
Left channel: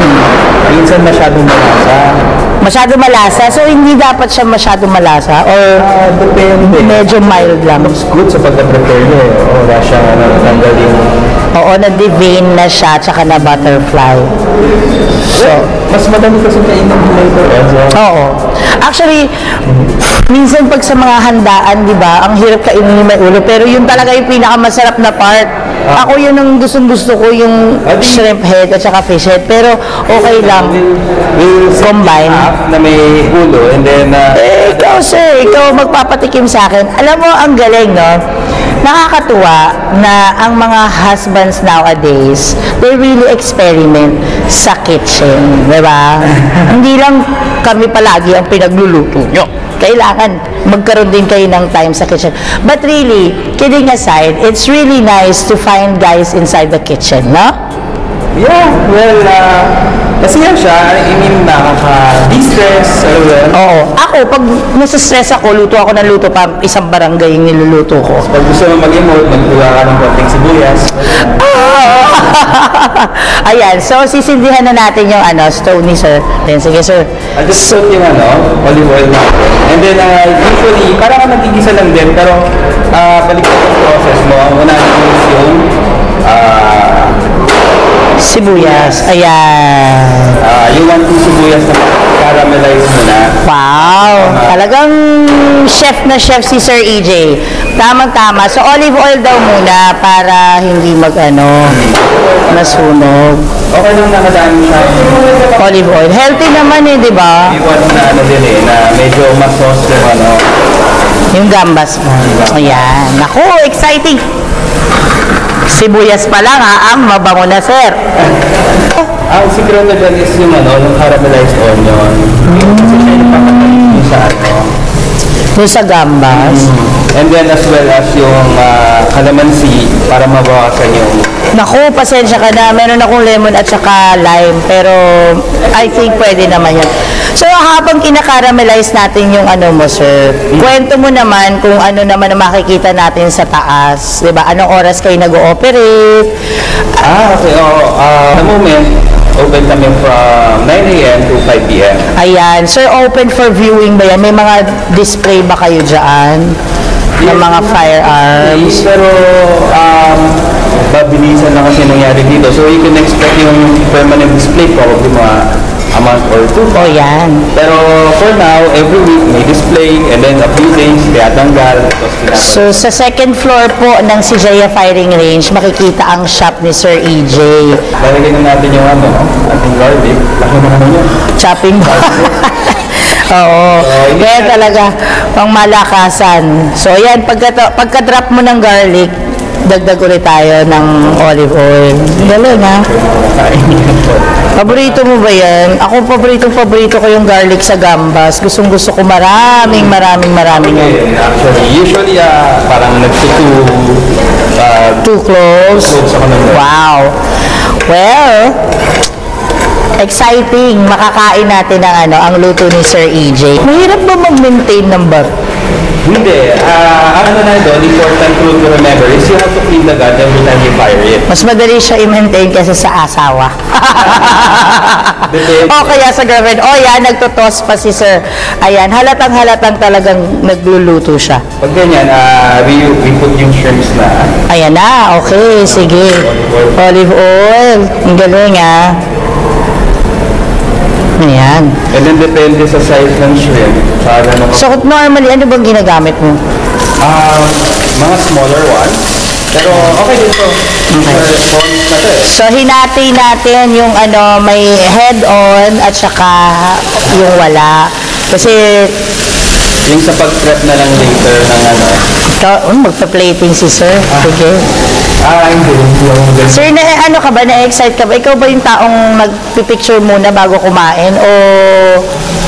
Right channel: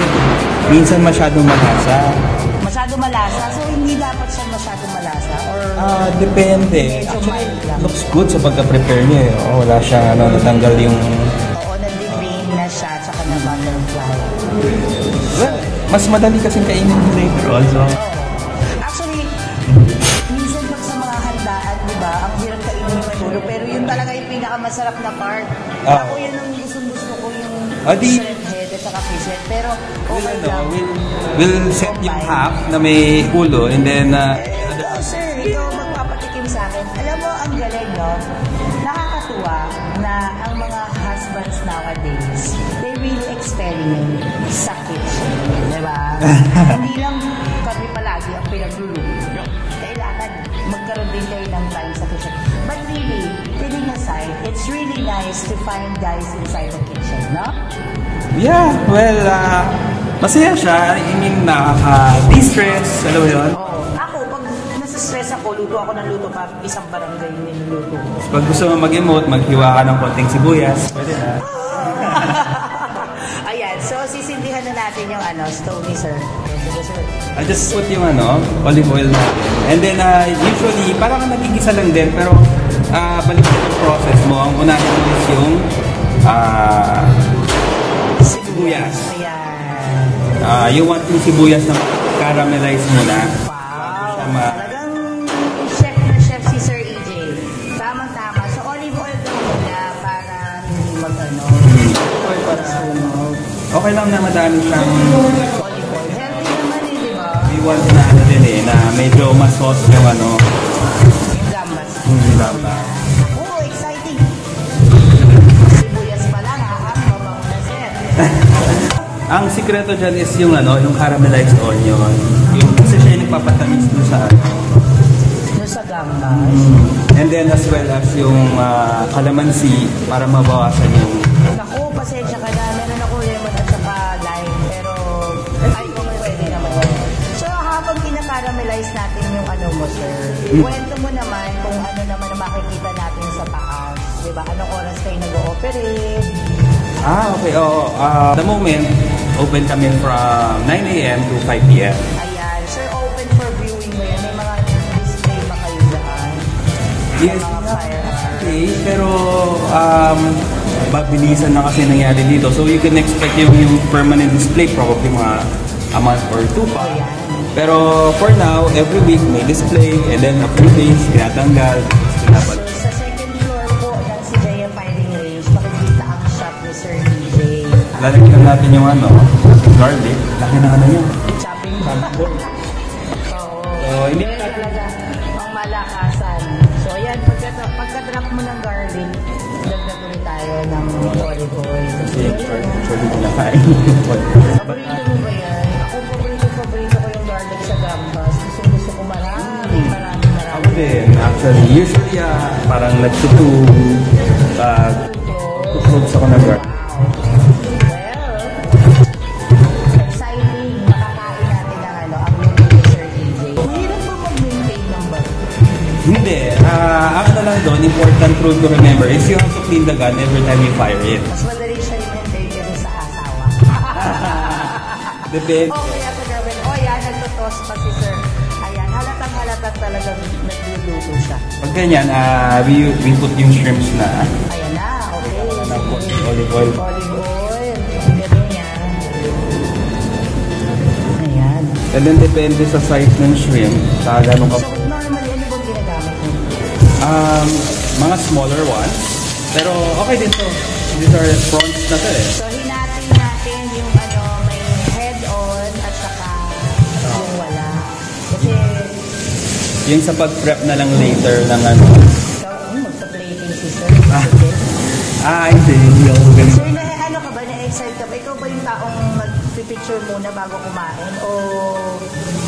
minsan masyadong malasa. Masyado malasa? So, hindi dapat siya masyado malasa? Or depende. Medyo mild lang? Looks good sa pagka-prepare niya eh. Wala siyang natanggal yung... Oo, na-devein na siya, tsaka na-butterfly. So, mas madami kasi kainin later on. Oo. Actually, minsan pag sa mga handaan, di ba, ang hirap kainin yung may ulo, pero yun talaga yung pinakamasarap na part. Ako yun ang gustong-gusto ko, yung shrimp head at saka fish head, pero okay lang. We'll combine. Half na may ulo and then... ikaw sir, ikaw magpapatikim sa akin. Alam mo, ang galing, no? Nakakatuwa na ang mga husbands nowadays, they really experiment sa kitchen, di ba? Hindi lang kami palagi ang pinagluluto nyo. Kailangan magkaroon din kayo ng time sa kitchen. But really, kidding aside, it's really nice to find guys inside the kitchen, no? Yeah, well, masaya siya. I mean, nakaka-distress. Oo. Ako, pag nasa-stress ako, luto ako ng luto pa isang barangay yung niluluto ko. Pag gusto mo mag-emote, maghiwa ka ng konting sibuyas. Ayan, so sisindihan na natin yung stove ni sir. Then, sige sir. I'll just put yung olive oil natin. And then, usually, parang nagigisa lang din, pero balik sa yung process mo. Ang unahin is yung sibuyas. Ayan. Yung 1-2 sibuyas na caramelize mo na. Wow! Wow, talagang chef na chef si Sir EJ. Tamang-tama. So, olive oil daw muna para hindi masunog. Okay lang nakadaan siya. Olive oil. Healthy naman di ba? Iwan na din na medyo masos yung Yung gambas mo. Ayan. Naku, exciting. Sibuyas pa lang ang mabango na, sir. Ang sikreto dyan is yung yung caramelized onion. Kasi siya yung papatalis niyo sa Yung sa gambas. And then as well as yung calamansi para mabawasan yung... Naku, pasensya ka na. Meron akong lemon at saka lime. Pero I think pwede naman yan. So habang kinakaramelize natin yung mo, sir, kwento mo naman kung ano naman ang makikita natin sa taas. Diba? Anong oras kayo nag-ooperate? Okay. At the moment, open kami from 9 a.m. to 5 p.m. Ayan. Sir, open for viewing ba yan? May mga display ba kayo dyan? Ng mga firearms? Pero, babilisan na kasi nangyari dito. So, you can expect yung permanent display probably mga a month or two. Oh, yan. Pero, for now, every week may display and then a few days, tinatanggal. So, sa second floor po ng Sijaya Firing Range, makikita ang shop ni Sir EJ. Lalagyan na natin yung ating garlic. Laki na niya. Chopping Oo. Kaya talaga, pang malakasan. So, ayan, pagka-drop mo ng garlic, dagdag ulit tayo ng olive oil. Galing, ha? Paborito mo ba yan? Ako, paborito ko yung garlic sa gambas. Gustong-gusto ko maraming yan. Actually, usually, parang too close. Wow. Well, exciting. Makakain natin ang luto ni Sir EJ. Mahirap ba mag-maintain ng bar? Hindi. Na doon, important rule to remember is you have to clean the gun every time you fire it. Mas madali siya i-maintain kaysa sa asawa. O kaya sa girlfriend. O yan, nagtotos pa si Sir. Ayan, halatang talagang nagluluto siya. Pag ganyan, we put yung shrimps na. Ayan na, okay, sige. Olive oil. Ang galing, Ayan. And then depende sa size ng shrimp. So normally, ano bang ginagamit mo? Mga smaller ones. Pero okay din to. Prawns na to So hinati natin yung may head on at saka yung wala. Kasi yung sa pag-prep na lang later ng magpa-plating si Sir. Sige. Hindi. Sir, ka ba? Na-excite ka ba? Ikaw ba yung taong magpipicture muna bago kumain? O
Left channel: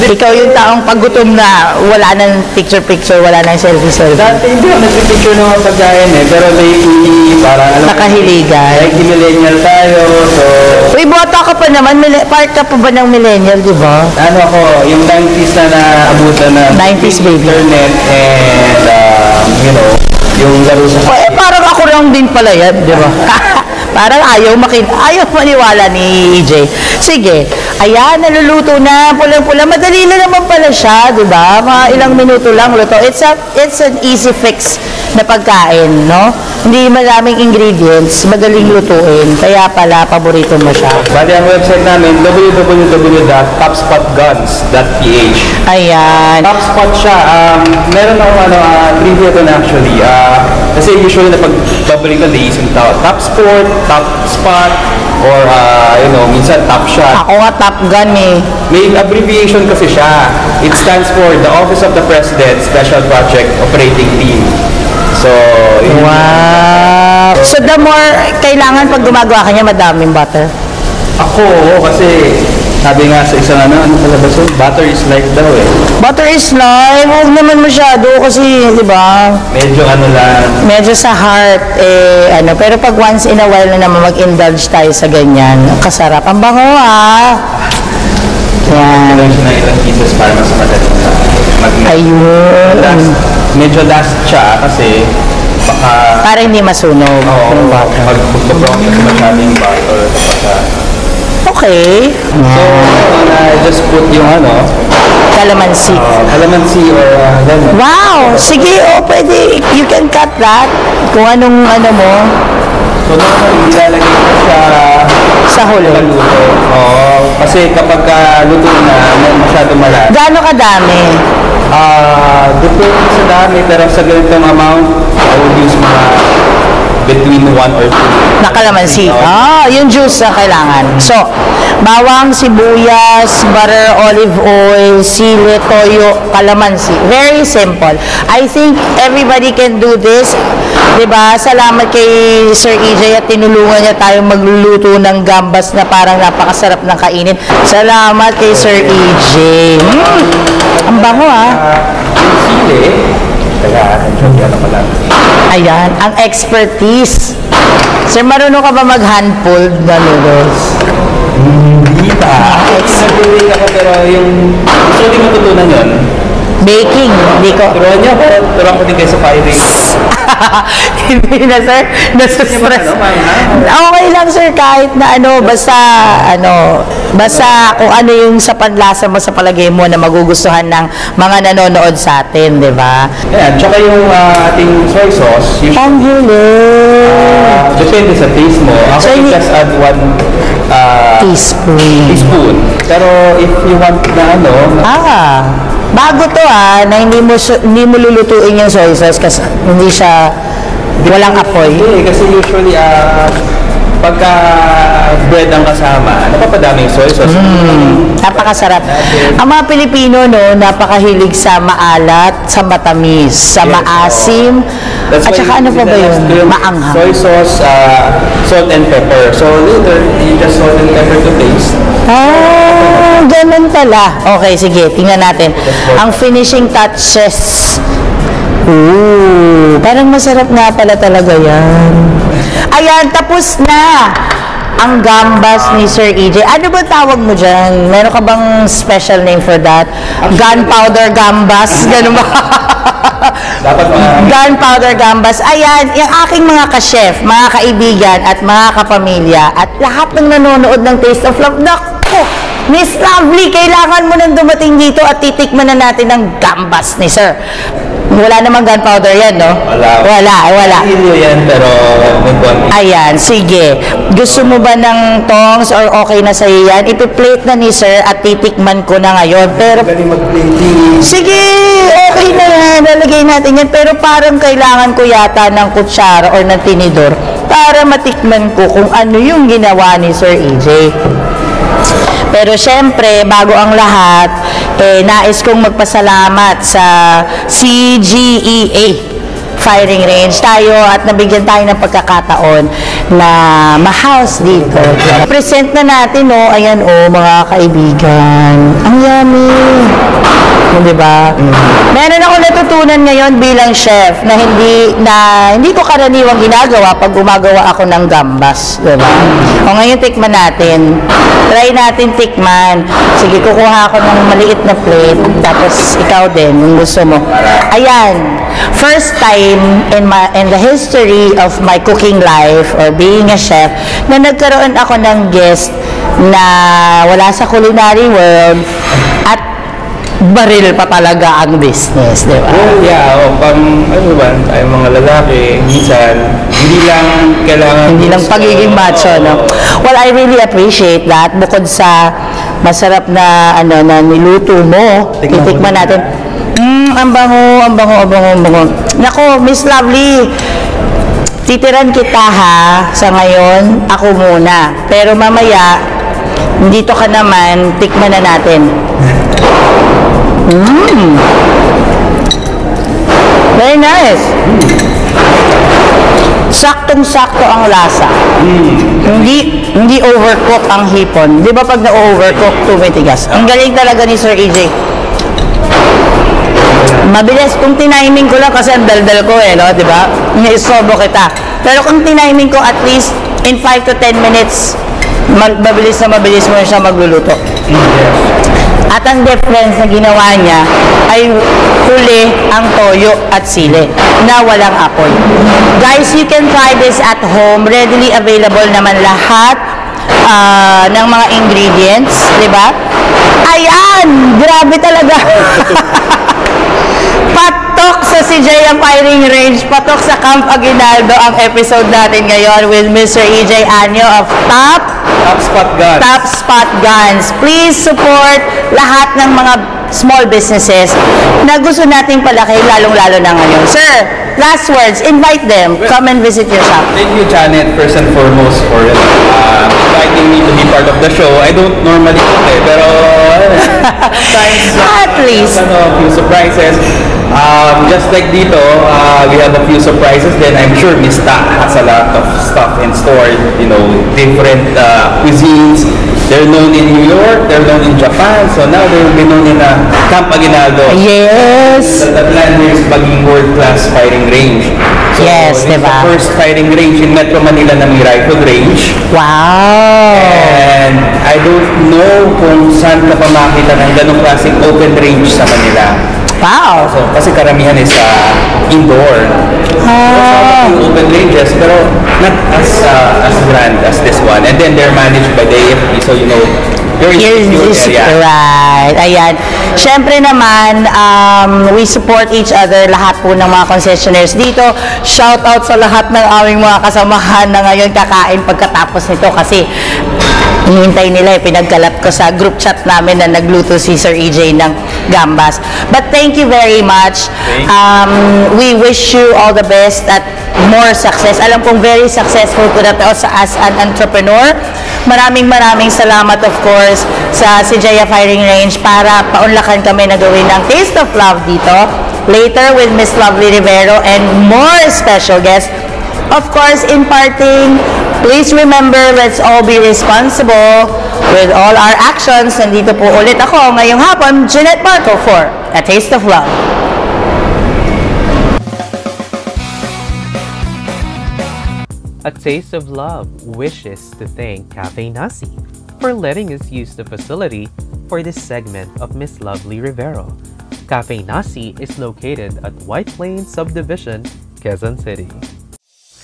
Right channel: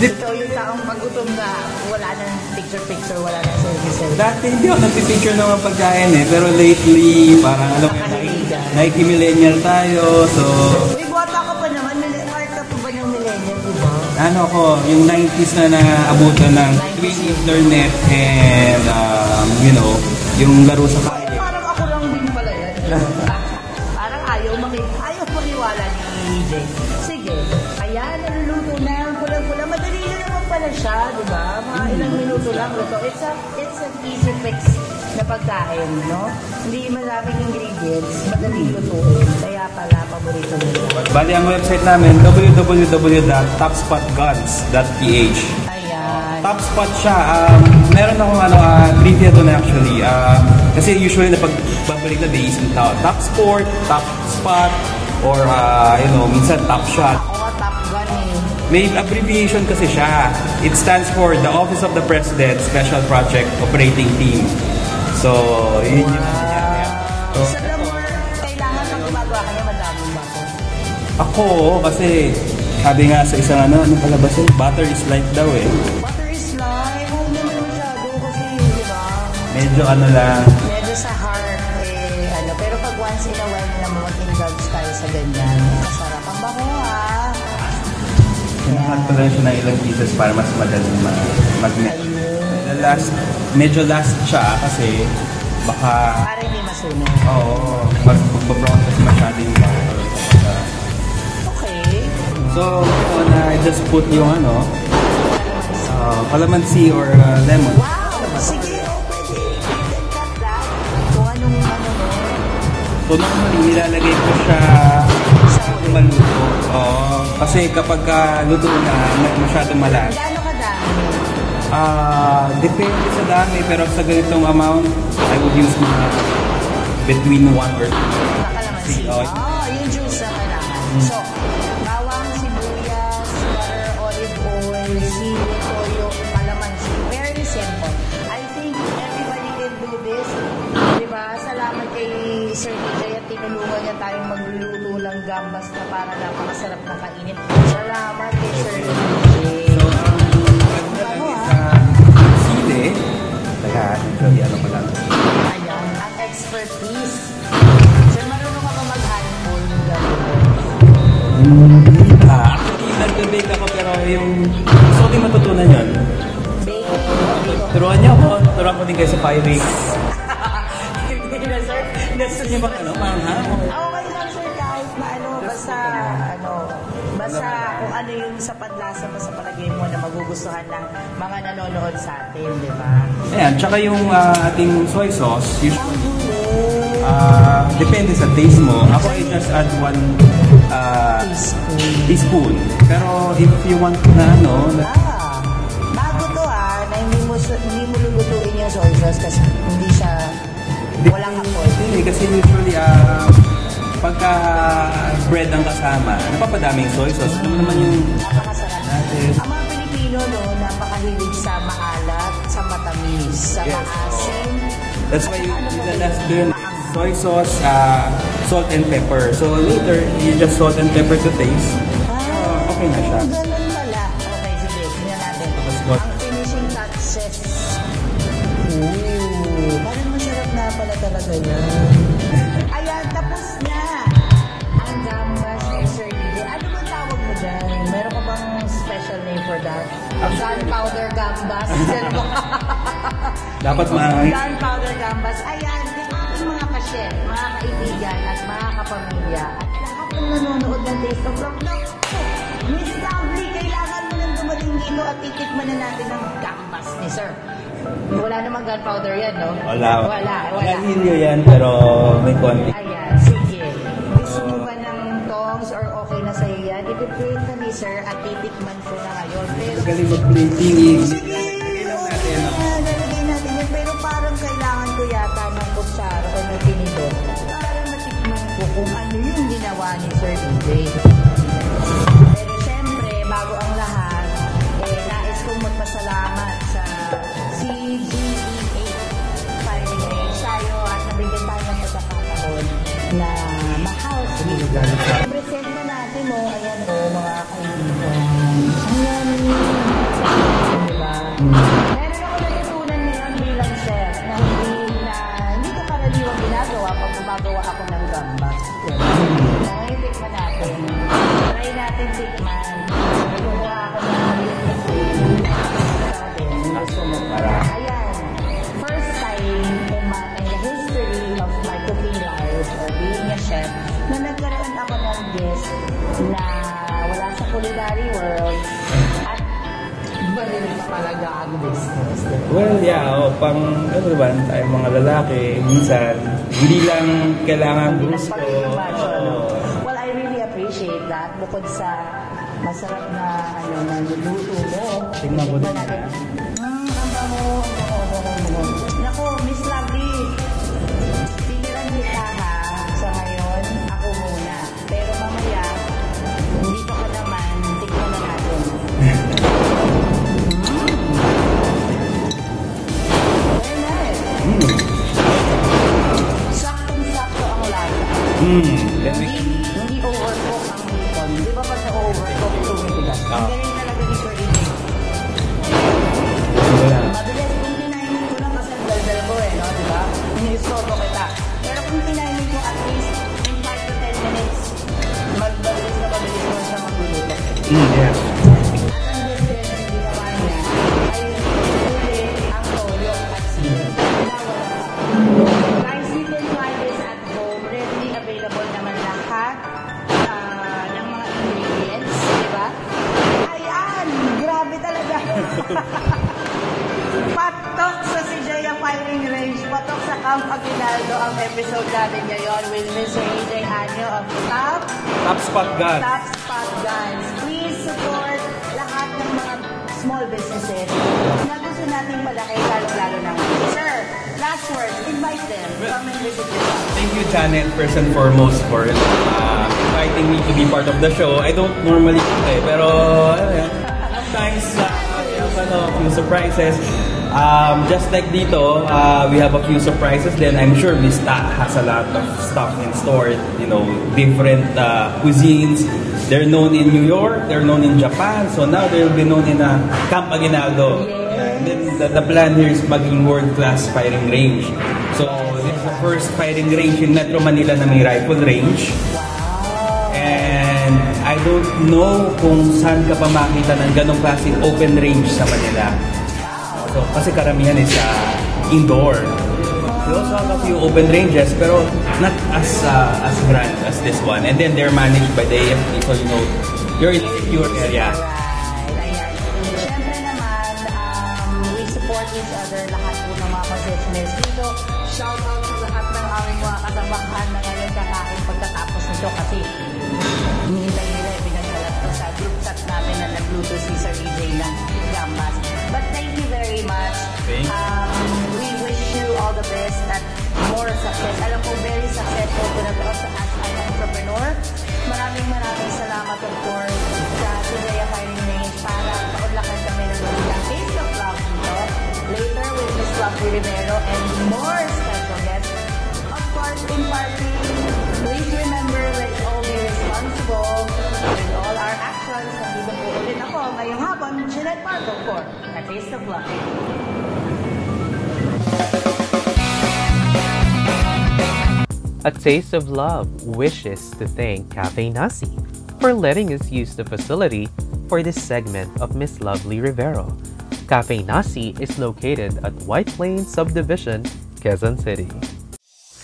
ikaw yung taong paggutom na wala nang picture-picture, wala nang selfie-selfie? Dati hindi ako nagpipicture ng mga pagkain Pero lately, parang nakahiligan. Like millennial tayo, so... Uy, bota ka pa naman. Part ka pa ba ng millennial, di ba? Ako, yung 90s na naabutan na 90s baby. Internet and, yung laro sa... Parang ako lang din pala yan, di ba? Parang ayaw maniwala ni EJ. Sige, ayan, naluluto na, pulang-pula. Madali na naman pala siya, di ba? Mga ilang minuto lang luto. It's an easy fix na pagkain, no? Hindi maraming ingredients, madaling lutuin. Kaya pala, paborito mo siya. Bali, ang website namin, www.topspotguns.ph. Ayan. Topspot siya. Meron akong trivia doon actually. Kasi usually na pag-babalik na naisip tao. Top Sport, Top Spot, or minsan Top Shot. Ako nga Top Gun May abbreviation kasi siya. It stands for the Office of the President Special Project Operating Team. So, wow. So the more kailangan pag gumagawa ka niya, madaming butter? Ako, kasi sabi nga sa isang palabas yun, butter is life daw Butter is life? Huwag naman masyado kasi, di ba? Medyo lang. Medyo sa heart, pero pag once in a while na naman mag-indulge tayo sa ganyan, kasarap. Ang bango, Yan. Kailangan siya ng ilang pieces para mas madaling Ayun. Medyo last siya kasi baka... Para hindi masunog. Oo, mag-brown kasi masyadong butter kapag... Okay. So, just put yung Calamansi. Calamansi or gano'n. Wow! Sige, pwede. You can cut that. Kung anong mo. So, normally, ilalagay ko siya sa huli. Paluto. Oo. Kasi kapag luto na masyado malasa. Gaano kadami? Depende sa dami, pero sa ganitong amount, I would use mga between 1 or 2. Na kalamansi. Yung juice na kailangan. So, bawang, sibuyas, butter, olive oil, sili, toyo, kalamansi. Very simple. I think everybody can do this. Diba? Salamat kay Sir EJ at tinulungan niya tayong magluluto ng gambas na parang napakasarap ng kainin. Salamat kay Sir EJ. Ang bango Sili. Kaya, ano pala. Ayan, ang expertise. Sir, marunong ka ba mag-hand-pulled na noodles? Hindi pa. Nag-bake ako pero yung gusto ko din matutunan yun. Baking, hindi ko. Turuan niyo ako. Turuan ko din kayo sa firing. Hindi na, sir. Nasa-stress. Okay lang, sir, kahit na basta kung ano yung sa panlasa mo sa palagay mo na magugustuhan ng mga nanonood sa atin, di ba? Ayan, tsaka yung ating soy sauce. Panghuli. Depende sa taste mo. Ako So, just add 1 teaspoon. Pero if you want na bago to na hindi mo lulutuin yung soy sauce kasi hindi siya walang apoy. Hindi, kasi usually pagka bread ang kasama, napapadami yung soy sauce. Napakasarap. Ang mga Pilipino, napakahilig sa maalat, sa matamis, sa maasim, at saka ano pa ba yun? Maanghang. Soy sauce, salt and pepper. So later, you just salt and pepper to taste. Ganun pala. Okay, sige, tingnan natin. Ang finishing touches. Parang masarap nga pala talaga yan. Ayan, tapos na ang gambas ni Sir EJ. Ano ba tawag mo dyan? Meron ka bang special name for that? Gunpowder gambas? Ganun ba? Dapat Gunpowder gambas. Ayan, yung aking mga ka-chef, mga kaibigan at mga kapamilya at lahat ng nanonood ng Taste of Love. Naku! Miss Lovely, kailangan mo nang dumating dito at titikman na natin ang gambas ni Sir. Wala namang gunpowder yan, no? Wala. Hindi yan, pero ayan, sige. Gusto mo ba ng tongs or okay na sa'yo yan? Ipi-plate na ni Sir at titikman ko na ngayon. Pero, sige, okay na yan. Lalagay natin yan. Pero parang kailangan ko yata ng kutsara or ng tinidor para matikman ko kung ano yung ginawa ni Sir EJ. Pero syempre, bago ang lahat, nais kong magpasalamat sa CGEA Firing Range tayo at nabigyan tayo ng pagkakataon na ma-house dito. Present na natin, ayan mga kaibigan. Ang yummy! Diba? Meron ako natutunan ngayon bilang chef na hindi ko karaniwang ginagawa pag gumagawa ako ng gambas, diba? O ngayon tikman natin. Try natin tikman. Sige, kukuha ako ng maliit na plate. Tapos ikaw din, kung gusto mo. Ayan. First time in the history of my cooking life or being a chef na nagkaroon ako ng guest na wala sa culinary world at baril pa talaga ang business, di ba? Well, yeah, tayo mga lalaki, minsan, hindi lang pagiging macho, no? Well, I really appreciate that. Bukod sa masarap na, na niluto mo, titikman natin. Ang bango. Nako, Miss Lovely, titiran kita sa ngayon, ako muna. Pero mamaya, dito ka naman, tikman na natin. Very nice. Saktong-sakto ang lasa. Hindi overcook ang hipon. Di ba pag na-overcook, tumitigas? Ang galing talaga ni Sir EJ. Mabilis. Kung tiniming ko lang kasi ang daldal ko di ba? Isobo kita. Pero kung tiniming ko at least in 5 to 10 minutes, mabilis mo siya magluluto. At ang difference na ginawa niya ay huli ang toyo at sili na walang apoy. Guys, you can try this at home. Readily available naman lahat ng mga ingredients, di ba? Ayan! Grabe talaga! Patok sa CJ Firing Range, patok sa Camp Aguinaldo ang episode natin ngayon with Mr. EJ Anyo of Top Spot Guns. Please support lahat ng mga small businesses na gusto nating palaki, lalong-lalo na ngayon. Sir, last words, invite them. Come and visit your shop. Thank you, Janet, first and foremost for inviting me to be part of the show. I don't normally cook pero sometimes at least a few surprises. Just like dito, we have a few surprises. Then I'm sure Mista has a lot of stuff in store. You know, different cuisines. They're known in New York, they're known in Japan, so now they will be known in Camp Aguinaldo. Yes! The plan here is maging world-class fighting range. So yes, this is the first fighting range in Metro Manila na may rifle range. Wow! And I don't know kung saan ka pa makita ng ganong klaseng open range sa Manila. Wow! So, kasi karamihan is indoor. Some open ranges, pero not as grand as this one. And then they're managed by the AFP, so you know, very secure area. Right, ayan. Siyempre naman, we support each other, lahat po ng mga concessionaires dito. Shout out sa lahat ng aming mga kasamahan na ngayon kakain pagkatapos nito kasi hinihintay nila, pinagkalat ko sa group chat namin na nagluto si Sir EJ ng gambas. But thank you very much. We wish you all the best at more success. Alam kong very successful po na as an entrepreneur. Maraming salamat of course sa CJ Firing Range para paunlakan kami na gawin ng Taste of Love dito. Later with Miss Lovely Rivero and more special guests. Of course, in parting, please remember, let's all be responsible with all our actions. Nandito po ulit ako ngayong hapon, Jeanette Marco for A Taste of Love. A Taste of Love wishes to thank Cafe Nasi for letting us use the facility for this segment of Miss Lovely Rivero. Cafe Nasi is located at White Plains Subdivision, Quezon City.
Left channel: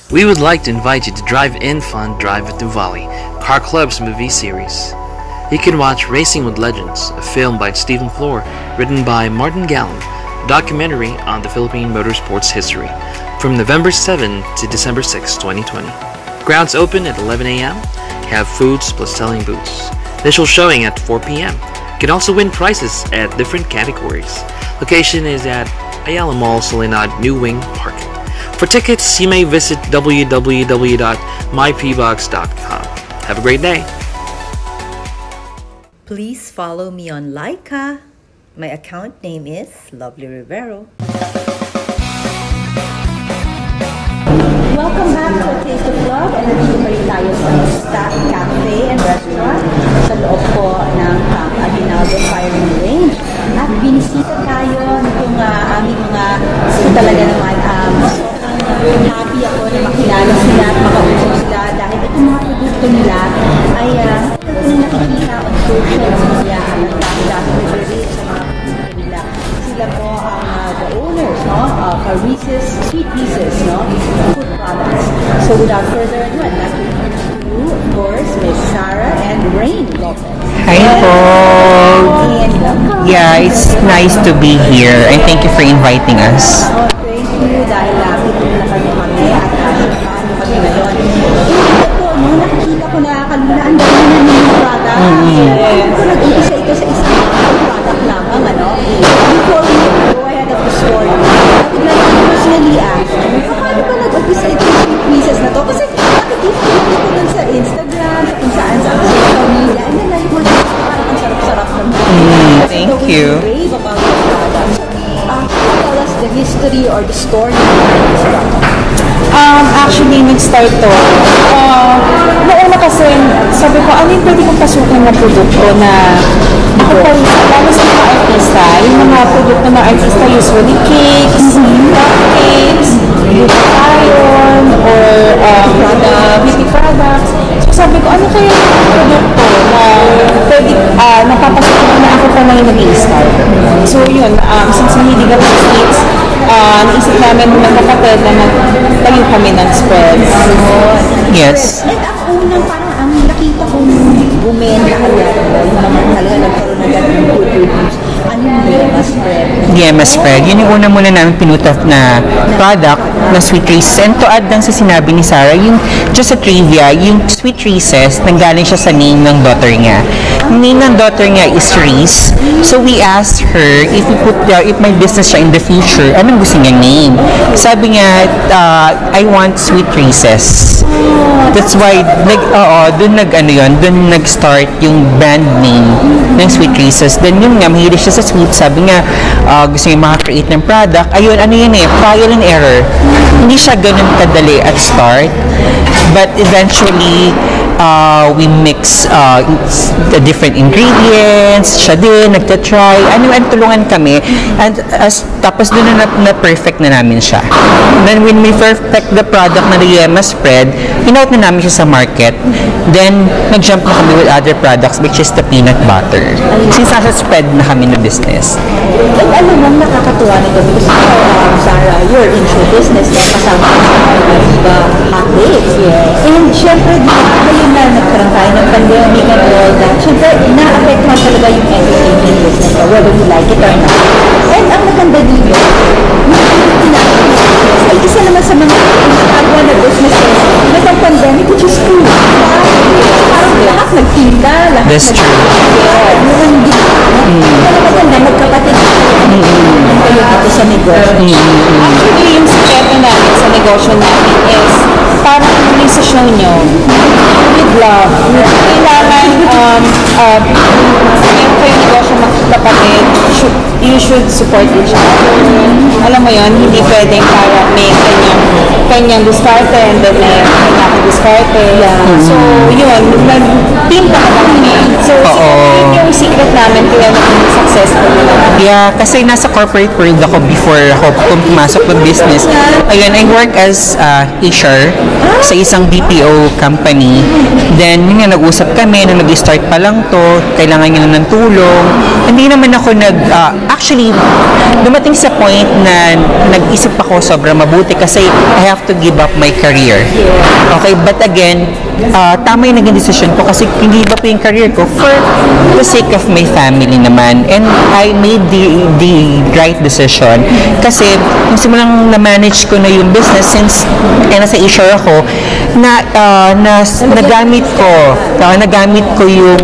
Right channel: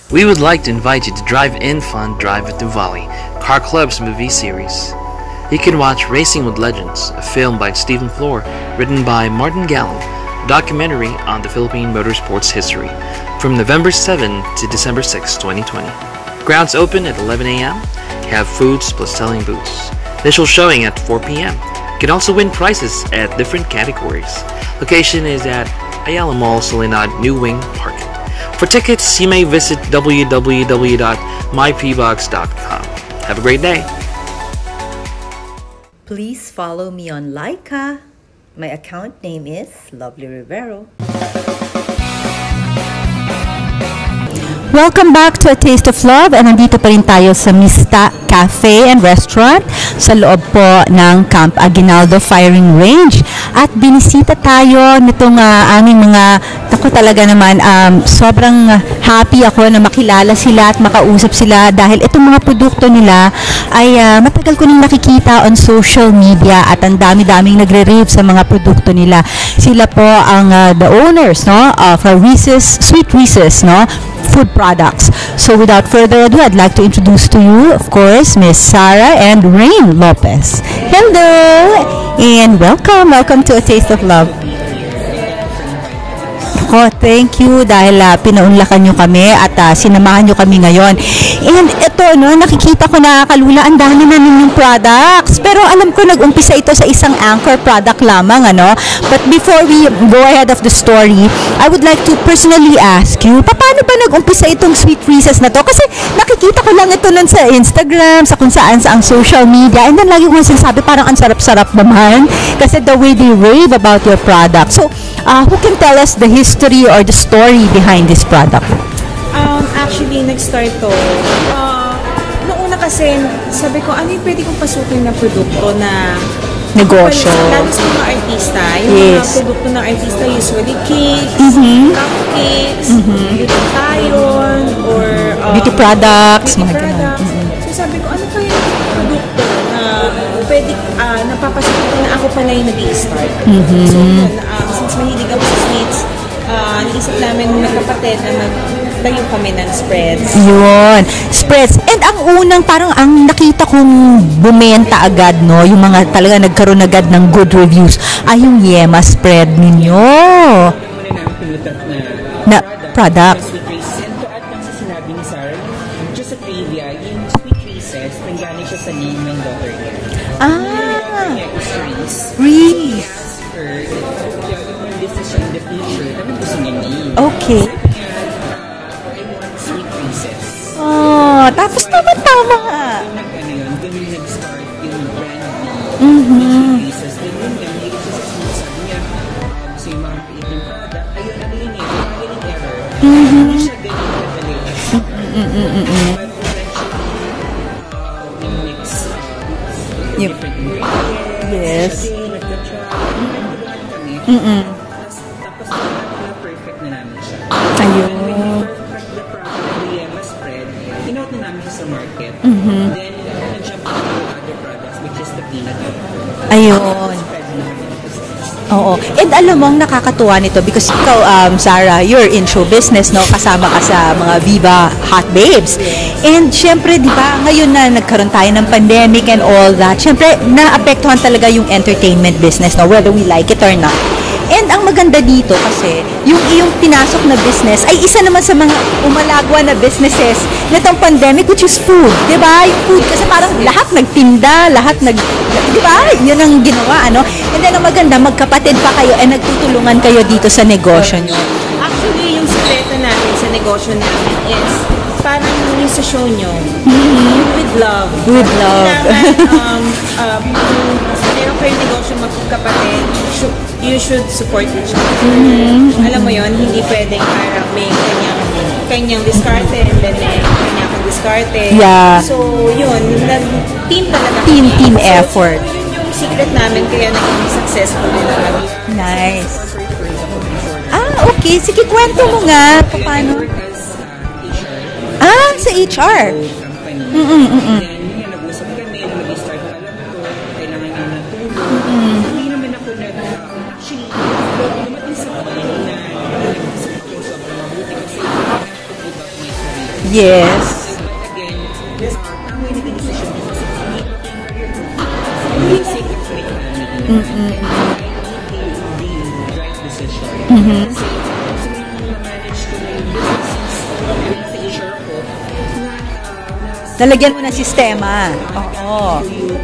We would like to invite you to Drive-In Fun Drive at Nuvali, Car Club's movie series. You can watch Racing with Legends, a film by Stephen Flor, written by Martin Gallen, a documentary on the Philippine motorsports history, from November 7 to December 6, 2020. Grounds open at 11 a.m. Have foods plus selling booths. Initial showing at 4 p.m. You can also win prizes at different categories. Location is at Ayala Mall, Soledad, New Wing Park. For tickets, you may visit www.mypbox.com. Have a great day. Please follow me on Laika. My account name is Lovely Rivero. Welcome back to A Taste of Love, and nandito pa rin tayo sa Mista Cafe and Restaurant sa loob po ng Camp Aguinaldo Firing Range. At binisita tayo nitong aming mga, ako talaga naman, sobrang happy ako na makilala sila at makausap sila dahil itong mga produkto nila ay matagal ko nang nakikita on social media at ang dami-daming nagre-rave sa mga produkto nila. Sila po ang the owners, no, of Reese's, Sweet Reese's, no, food products. So without further ado, I'd like to introduce to you, of course, Miss Sarah and Rain Lopez. Hello! And welcome. Welcome to A Taste of Nice Love. to be here, and thank you for inviting us. Oh, thank you dahil pinaunlakan nyo kami at sinamahan nyo kami ngayon. And ito, no, nakikita ko na kalula, ang dami na new products. Pero alam ko, nag-umpisa ito sa isang anchor product lamang, ano? But before we go ahead of the story, I would like to personally ask you, paano ba nag-umpisa itong Sweet Reese's na to? Kasi nakikita ko lang ito nun sa Instagram, sa kung saan sa ang social media, and then lagi ko sinasabi, parang ang sarap-sarap naman. Kasi the way you rave about your product. So, who can tell us the history or the story behind this product? Actually, nag-start to. Noong kasi, sabi ko, ano yung pwede kong pasukin na produkto na ako pa rin, lalo sa mga artista, yung mga produkto ng artista, usually cakes, cupcakes, iron, or beauty products. So sabi ko, ano kaya yung produkto na pwede, napapasukin ko na ako pa lang yung nag-i-start. So yun, since mahilig ako sa cakes, naisip namin ng kapatid na magtayo kami ng spreads. Yun. Yes. Spreads. And ang unang parang ang nakita kong bumenta agad, no, yung mga talaga nagkaroon agad ng good reviews ay yung Yema spread ninyo. Yema spread. Yun yung una muna namin pinutap na product na Sweet Reese's. And to add lang sa sinabi ni Sarah, yung just a trivia, yung Sweet Reese's, nanggaling siya sa name ng daughter niya. Ang name ng daughter niya is Reese. So we asked her if may business siya in the future, anong gusto niyang name? Sabi niya, I want Sweet Reese's. That's why doon nag-start yung brand name ng Sweet Reese's. Then yun nga, mahilig siya sa sweet. Sabi niya, gusto niya maka-create ng product. Ayun, ano yun trial and error. Hindi siya ganun kadali at start. But eventually, we mix the different ingredients. Siya din, nagtatry. Tulungan kami. And tapos doon na perfect na namin siya. Then when we perfect the product na the Yema spread, in-out na namin siya sa market. Then, nag-jump na kami with other products, which is the peanut butter. Ayun. Since nasa spread na kami na business. Oo. And alam mo, nakakatuwa nito because ikaw, Sarah, you're in show business, no? Kasama ka sa mga Viva Hot Babes. Yes. And syempre, di ba, ngayon na nagkaroon tayo ng pandemic and all that, syempre, na-apektuhan talaga yung entertainment business, no? Whether we like it or not. And ang maganda dito kasi, yung pinasok na business ay isa naman sa mga umalagwa na businesses nitong pandemic, which is food. Diba? Food. Kasi parang lahat nagtinda, lahat diba? Yun ang ginawa, no? And then ang maganda, magkapatid pa kayo at nagtulungan kayo dito sa negosyo. Actually, yung sikreto namin sa negosyo namin is parang yung sa show nyo, with love. Kailangan, meron kayo negosyo magkapatid, you should support each other. Alam mo yun, hindi pwedeng para may kanyang diskarte and then may kanyang diskarte. Yeah. So, yun, team talaga. Team effort. So, yun yung secret namin kaya naging successful nila. Yeah, kasi nasa corporate world ako before ako pumasok ng business. Ayun, I work as HR sa isang GPO company. Then, yun nga, nag-usap kami, nung nag-start pa lang to, kailangan niya ng tulong. Hindi naman ako actually, dumating sa point na nag-isip ako sobrang mabuti kasi I have to give up my career. Yes. Okay, but again, tama yung naging decision ko kasi hindi ba po yung career ko for the sake of my family naman. And I made the right decision kasi yung simulang na-manage ko na yung business since nasa HR ako, nagamit ko yung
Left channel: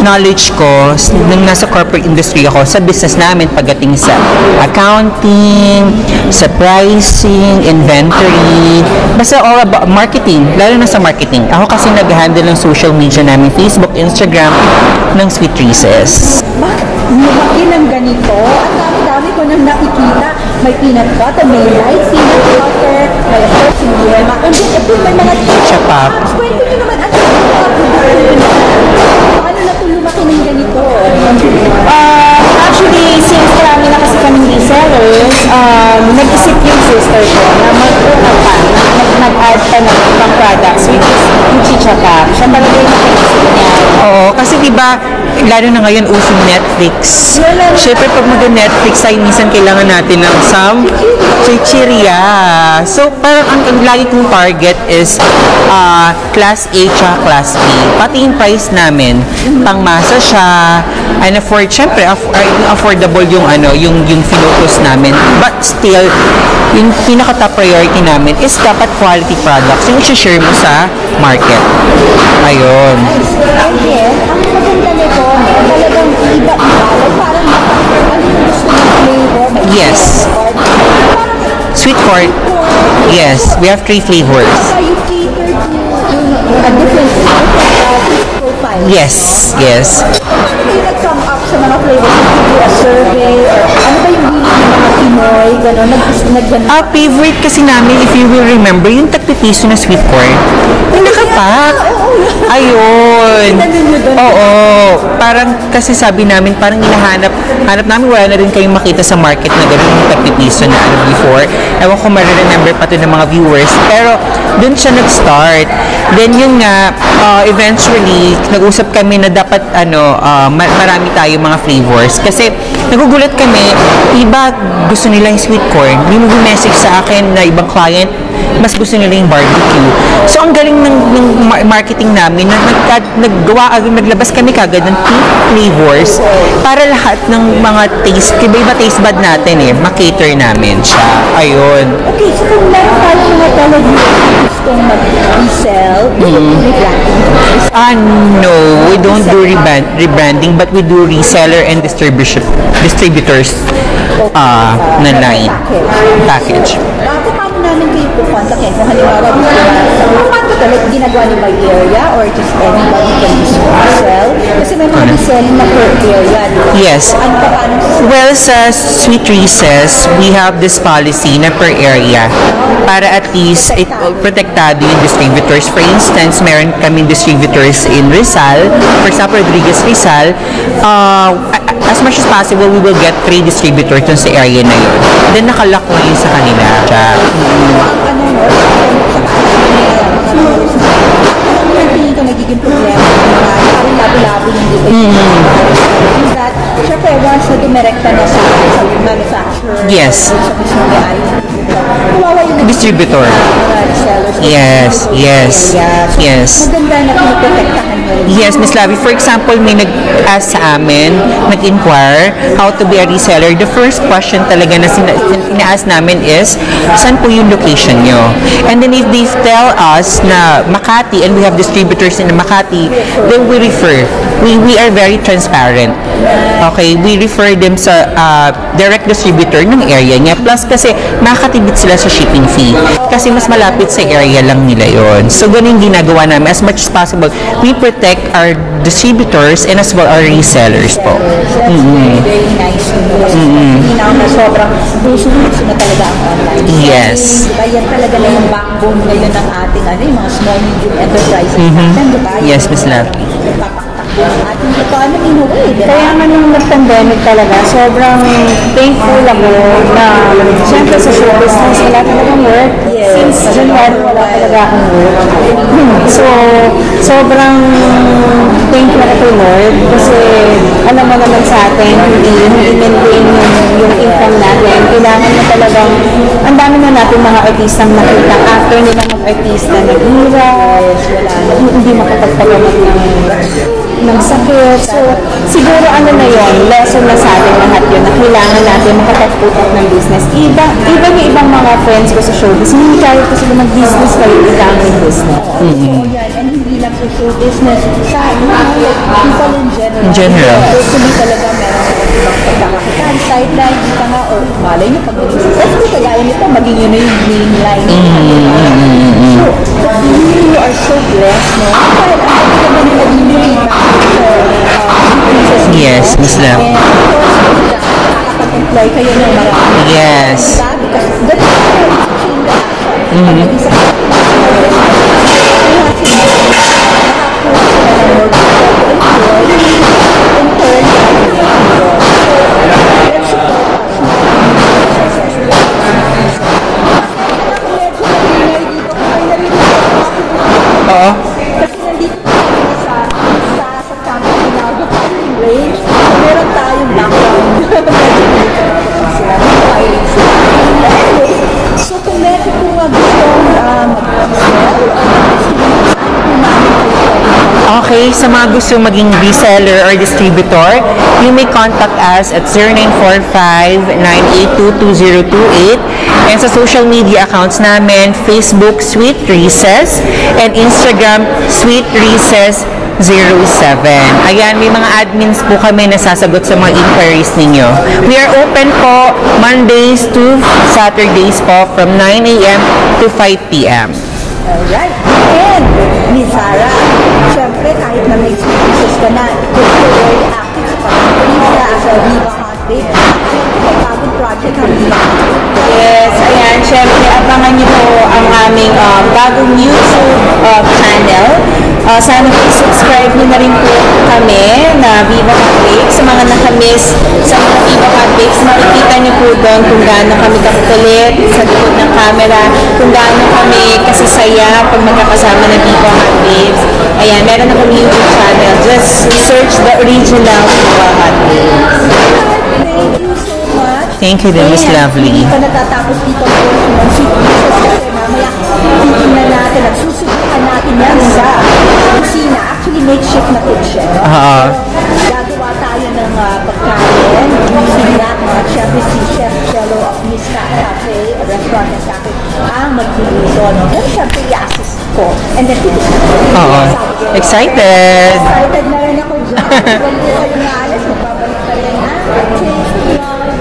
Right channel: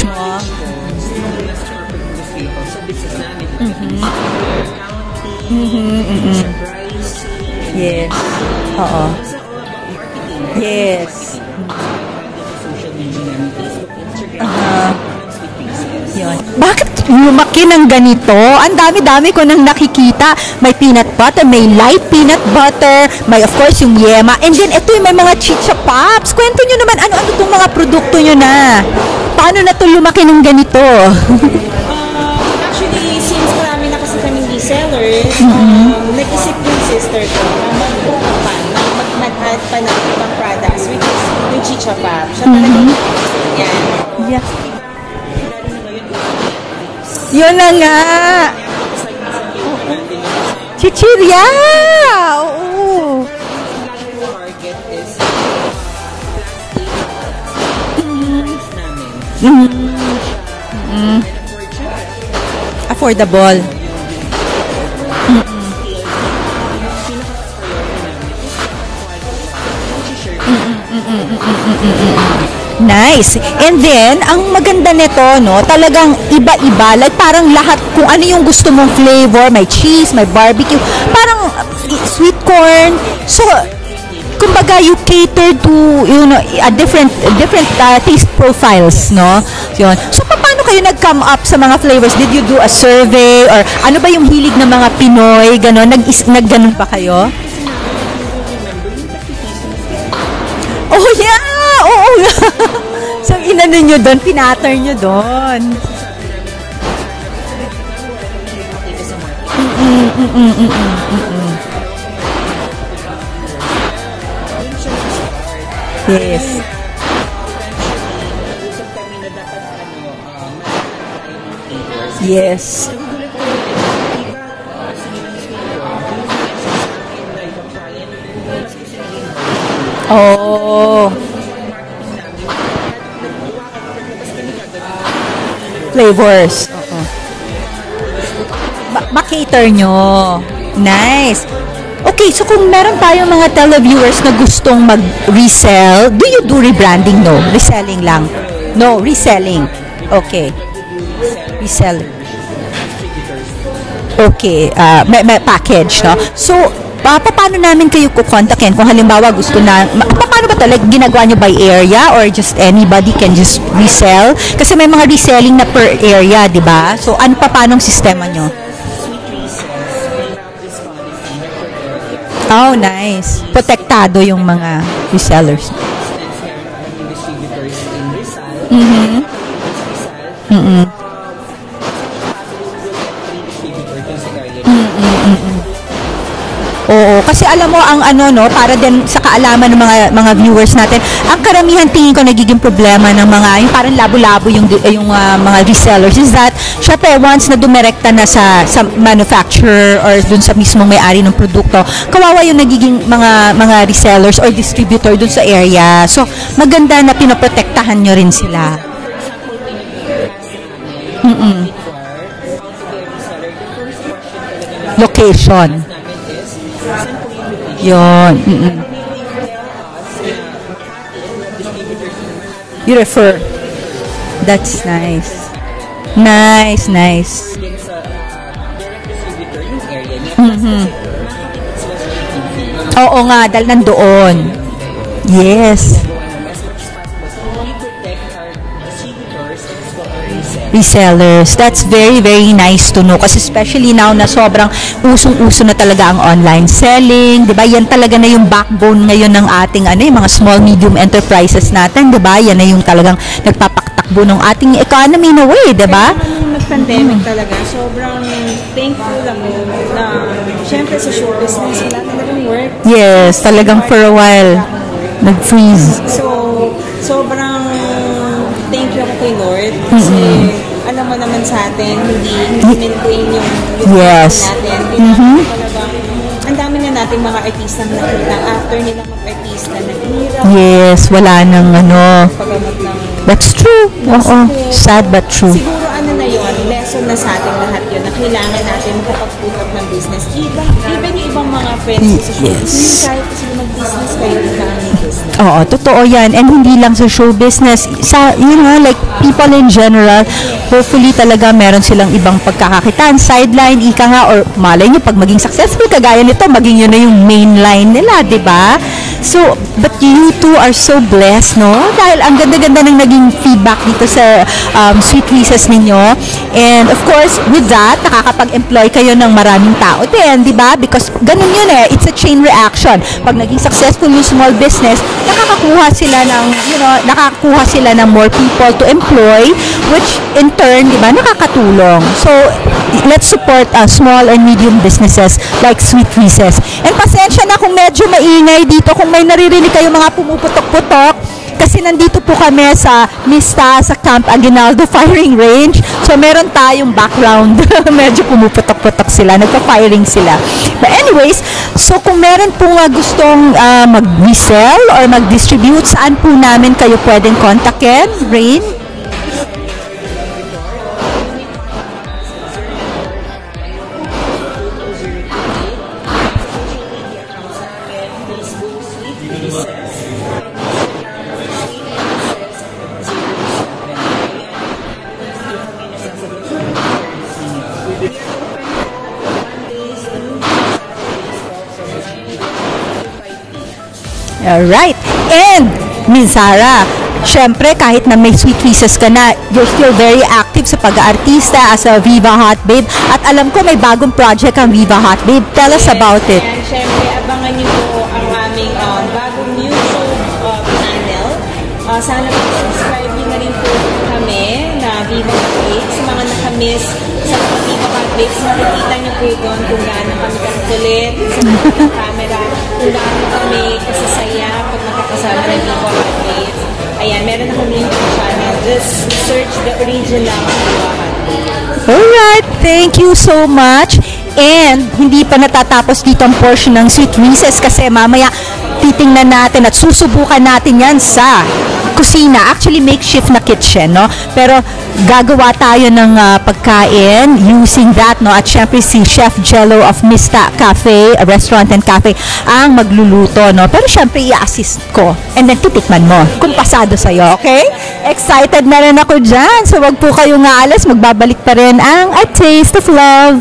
knowledge ko nung nasa corporate industry ako sa business namin pagdating sa accounting, sa pricing, inventory, basta all about marketing, lalo na sa marketing. Ako kasi nag-handle ng social media namin, Facebook, Instagram, ng Sweet Reese's. Bakit lumaki ng ganito? Ang dami-dami ko nang nakikita. May peanut butter, may light peanut butter, may of course yung Yema, and then ito may mga chicha pops. Kwento nyo naman, ano itong mga produkto nyo na? Paano na ito lumaki ng ganito? Actually, since marami na kasi kaming resellers, nag-isip yung sister ko na mag-add pa ng ibang products, which is yung chicha pop. Siya talaga yung nakaisip niya. Oo, kasi diba, lalo na ngayon using Netflix. Yun na nga. Siyempre, pag mag-Netflix ay minsan kailangan natin ng chichirya. So, parang ang lagi kong target is class A tsaka class B. Pati yung price namin, pangmasa siya, and syempre, affordable yung focus namin. But still, yung pinaka-top priority namin is dapat quality products yung i-share mo sa market. Ayun. Nice. And then, ang maganda nito, no, talagang iba-iba. Like parang lahat, kung ano yung gusto mong flavor, may cheese, may barbecue. Parang sweet corn. Sweet corn. Yes, so, we have 3 flavors. Kumbaga, you cater to, different taste profiles, yes, no? Yes. Yun. So, paano kayo nag-come up sa mga flavors? Did you do a survey? Or ano ba yung hilig ng mga Pinoy? Ganon, nag-ganon ba kayo? Favorite kasi namin, if you will remember, yung tagpipiso na sweet corn. Oo, Oo. Ayun. yun. Inano nyo doon, pinatter nyo doon. Parang kasi sabi namin, parang hanap namin, wala na rin kayong makita sa market na gano'n yung 30 piso na before. Ewan ko ma-remember pa to ng mga viewers. Pero doon siya nag-start. Then yun nga, eventually, nag-usap kami na dapat marami tayo mga flavors. Kasi nagugulat kami, iba gusto nila yung sweet corn. May message sa akin na ibang client, mas gusto nila yung barbecue. So, ang galing ng marketing namin, naglabas kami kagad ng 2 flavors para lahat ng mga taste, iba taste bud natin makater namin siya. Nice. Ayun. Okay, so kung meron tayong mga televiewers na gustong mag-resell, do you do rebranding no? Reselling lang? No, we don't do rebranding, but we do reseller and distributors. Okay, may package, no? Package. So, paano namin kayo kukontakin? Kung halimbawa gusto na, paano ba talaga ginagawa nyo by area or just anybody can just resell? Kasi may mga reselling na per area, di ba? Yes. So, ano pa paanong system? Well, sa Sweet Recess, we have this policy na per area. Oh, nice. Para at least protektado yung distributors. For instance, meron kami distributors in Rizal, for example, Rodriguez Rizal. As much as possible, we will get 3 distributors dun sa area na yun. And then nakalock mo yun sa kanila. Kasi alam mo, ang para din sa kaalaman ng mga viewers natin, ang karamihan tingin ko nagiging problema ng mga, yung parang labo-labo yung mga resellers is that, syempre, once na dumirekta na sa manufacturer or dun sa mismo may-ari ng produkto, kawawa yung nagiging mga resellers or distributor dun sa area. So, maganda na pinaprotektahan nyo rin sila. Yes, Ms. Lavi. For example, may nag-ask sa amin, nag-inquire how to be a reseller. The first question talaga na sina-ask namin is, saan po yung location nyo? And then if they tell us na Makati and we have distributors in Makati, then we refer. We are very transparent. Nice, okay, we refer them sa direct distributor ng area niya. Plus kasi makakatibit sila sa shipping fee. Kasi mas malapit sa area lang nila yon. So ganun ginagawa namin. As much as possible, we protect our distributors and as well our resellers. That's very, very nice to know. Kasi especially now na sobrang puso-puso na talaga ang online selling. Diba? Yan talaga na yung backbone ngayon ng ating yung mga small, medium enterprises natin. Diba? Yan na yung talagang nagpapaktakbo ng ating economy na way. Diba? Kaya naman nung nag-pandemic talaga, sobrang thankful ako na syempre sa show business, wala talagang work. Yes, talagang for a while. Nag-freeze. So, sobrang thank you kay Lord kasi alam mo naman sa atin, hindi maintain yung income natin. Kailangan na talagang, ang dami na natin mga artistang nakita after nila mag-artista, naghihirap. Yes, wala nang That's true. Sad but true. Siguro na yun, lesson na sa atin lahat yun, na kailangan natin makapag-put up ng business. Even yung ibang mga friends ko sa showbiz, hindi tayo pa sila mag-business kayo yung business. Oo, totoo yan. And hindi lang sa show business, sa, like people in general. Hopefully talaga meron silang ibang pagkakakitaan, sideline, ika nga, or malay nyo, pag maging successful, kagaya nito, maging yun na yung main line nila, di ba? So, but you two are so blessed, no? Dahil ang ganda-ganda ng naging feedback dito sa Sweet Recess ninyo. And of course, with that, nakakapag-employ kayo ng maraming tao. Yes. Di ba? Because ganun yun it's a chain reaction. Pag naging successful yung small business, nakakuha sila ng more people to employ, which in turn, di ba, nakakatulong. So, let's support small and medium businesses like Sweet Recess. And pasensya na kung medyo maingay dito, kung may naririnig kayo mga pumuputok-putok, kasi nandito po kami sa Mista, sa Camp Aguinaldo Firing Range. So, meron tayong background. Medyo pumuputok-putok sila. Nagpa-firing sila. But anyways, so kung meron po gustong mag-resell or mag-distribute, saan po namin kayo pwedeng kontakin? Okay, sa mga gusto maging reseller or distributor, you may contact us at 0945-982-2028. And sa social media accounts namin, Facebook, Sweet Recess, and Instagram, Sweet Recess 07. Ayan, may mga admins po kami na sasagot sa mga inquiries ninyo. We are open po Mondays to Saturdays po from 9 a.m. to 5 p.m. Alright. And, Ms. Sarah, syempre kahit na may Sweet Recess ka na, you're very active sa pag-aartista as a Viva Hot Babe. At alam ko may bagong project ang Viva Hot Babe. Tell us about it. Ayan, syempre abangan niyo po ang aming bagong YouTube channel. Sana i-subscribe niyo na rin po kami na Viva Hot Bakes. Sa mga nakamiss sa mga Viva Hot Bakes, makikita niyo po doon kung gaano kami kakulit sa likod ng camera, kung gaano kami kasisaya pag magkakasama ng Viva Hot Bakes. Ayan, meron na kami YouTube channel. Just search the original Viva Hot Bakes. Alright, thank you so much. Thank you, Miss Lovely. Hindi pa natatapos dito ang portion ng Sweet Reeses kasi mamaya titingnan natin at susubukan natin yan sa kusina. Actually, makeshift na kitchen, no? Pero gagawa tayo ng pagkain using that, no? At syempre si Chef Jello of Mista Cafe, Restaurant and Cafe, ang magluluto, no? Pero syempre i-assist ko and then titikman mo. Pasado sa'yo. Excited! Okay? Excited na rin ako dyan. So wag po kayong aalas, magbabalik pa rin ang A Taste of Love.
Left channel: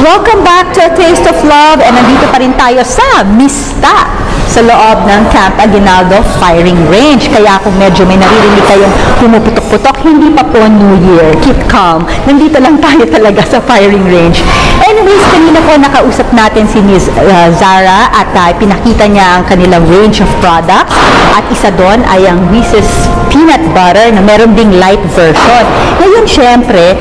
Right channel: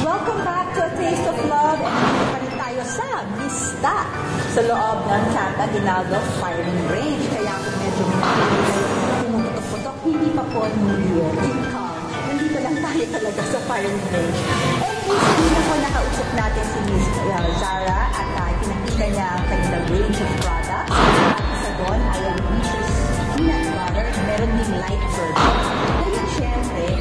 Welcome back to A Taste of Love, and nandito pa rin tayo sa Mista sa loob ng Camp Aguinaldo Firing Range. Kaya kung medyo may naririnig kayong pumuputok-putok, hindi pa po New Year. Keep calm. Nandito lang tayo talaga sa firing range. Anyways, kanina po nakausap natin si Ms. Zara at pinakita niya ang kanilang range of products. At isa doon ay ang Reese's Peanut Butter na meron ding light version. Ngayon, syempre,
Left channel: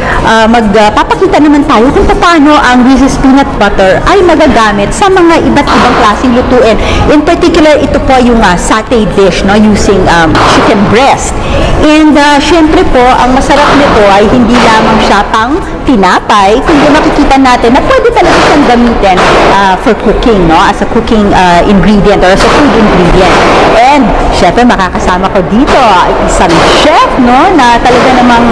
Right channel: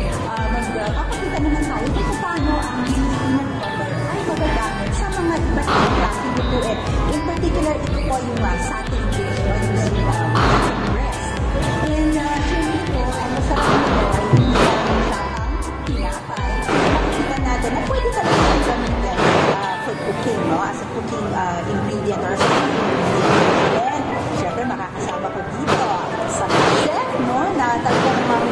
magpapakita naman tayo kung paano ang Reese's Peanut Butter ay magagamit sa mga iba't ibang klaseng lutuin. In particular, ito po yung satay dish, no, using chicken breast. And syempre po, ang masarap nito ay hindi lamang siya pang tinapay, kundi makikita natin na pwede talaga siyang gamitin for cooking, no, as a cooking ingredient or as a food ingredient. And syempre, makakasama ko dito isang chef, no, na talaga namang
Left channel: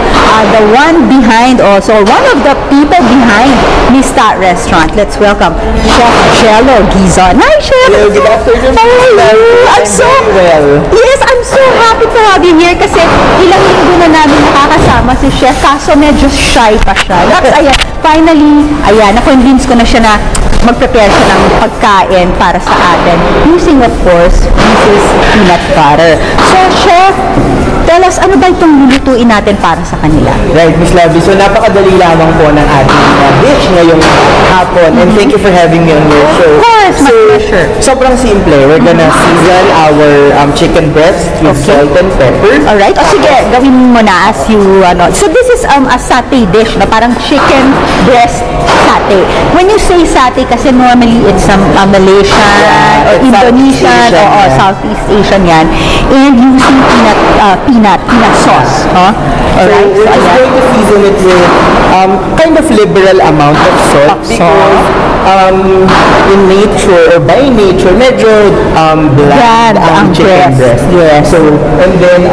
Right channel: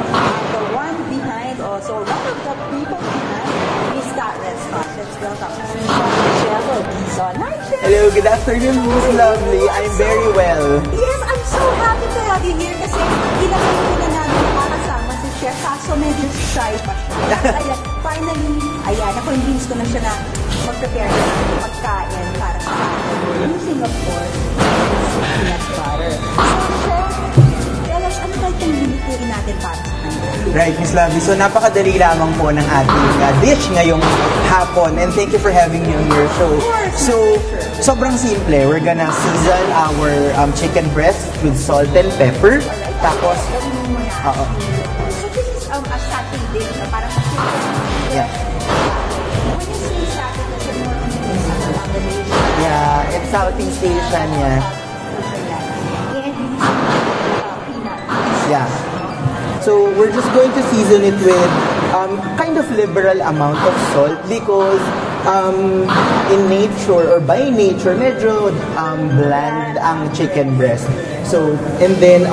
the one behind also, one of the people behind Mista Restaurant. Let's welcome Chef Jello Gizon. Hi, Chef! Hello, good afternoon. How are you? I'm so well. Yes, I'm so happy to have you here kasi ilang linggo na namin nakakasama si Chef kaso medyo shy pa siya. That's, ayan, finally, ayan, na-convince ko na siya na mag-prepare siya ng pagkain para sa atin using, of course, Reese's Peanut Butter. So, Chef, tell us, ano ba itong lulutuin natin para sa kanila? Right, Miss Lovely. So, napakadali lamang po ng ating dish ngayong hapon. And thank you for having me on your show. Of course, my pleasure. Sobrang simple. We're gonna season our chicken breast with salt and pepper. Alright, o sige, gawin mo na as you, So, this is a satay dish, na parang chicken breast satay. When you say satay, kasi normally it's Malaysian or Indonesian or Southeast Asian yan. And using peanut sauce. So we're just going to season it with kind of liberal amount of salt because in nature or by nature medyo bland ang chicken breast. Yes. So and then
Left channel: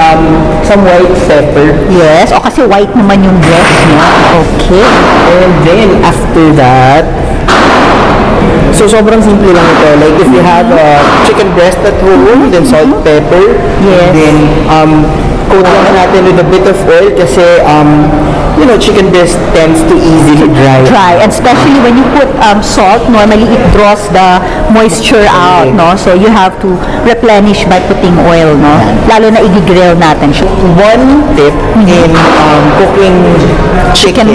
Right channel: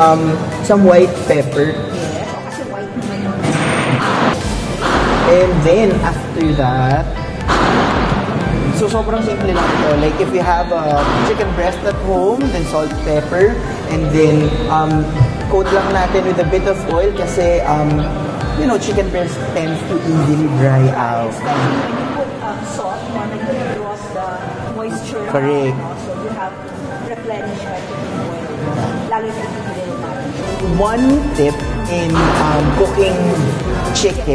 some white pepper. Yes. O kasi white naman yung breast niya. Okay. And then after that, so sobrang simple lang ito. Like if you have chicken breast at home, then salt, pepper, Yes. and then coat lang natin with a bit of oil kasi you know, chicken breast tends to easily dry. And especially when you put salt, normally it draws the moisture out, no? So you have to replenish by putting oil, no? Lalo na i-grill natin siya. One tip in cooking chicken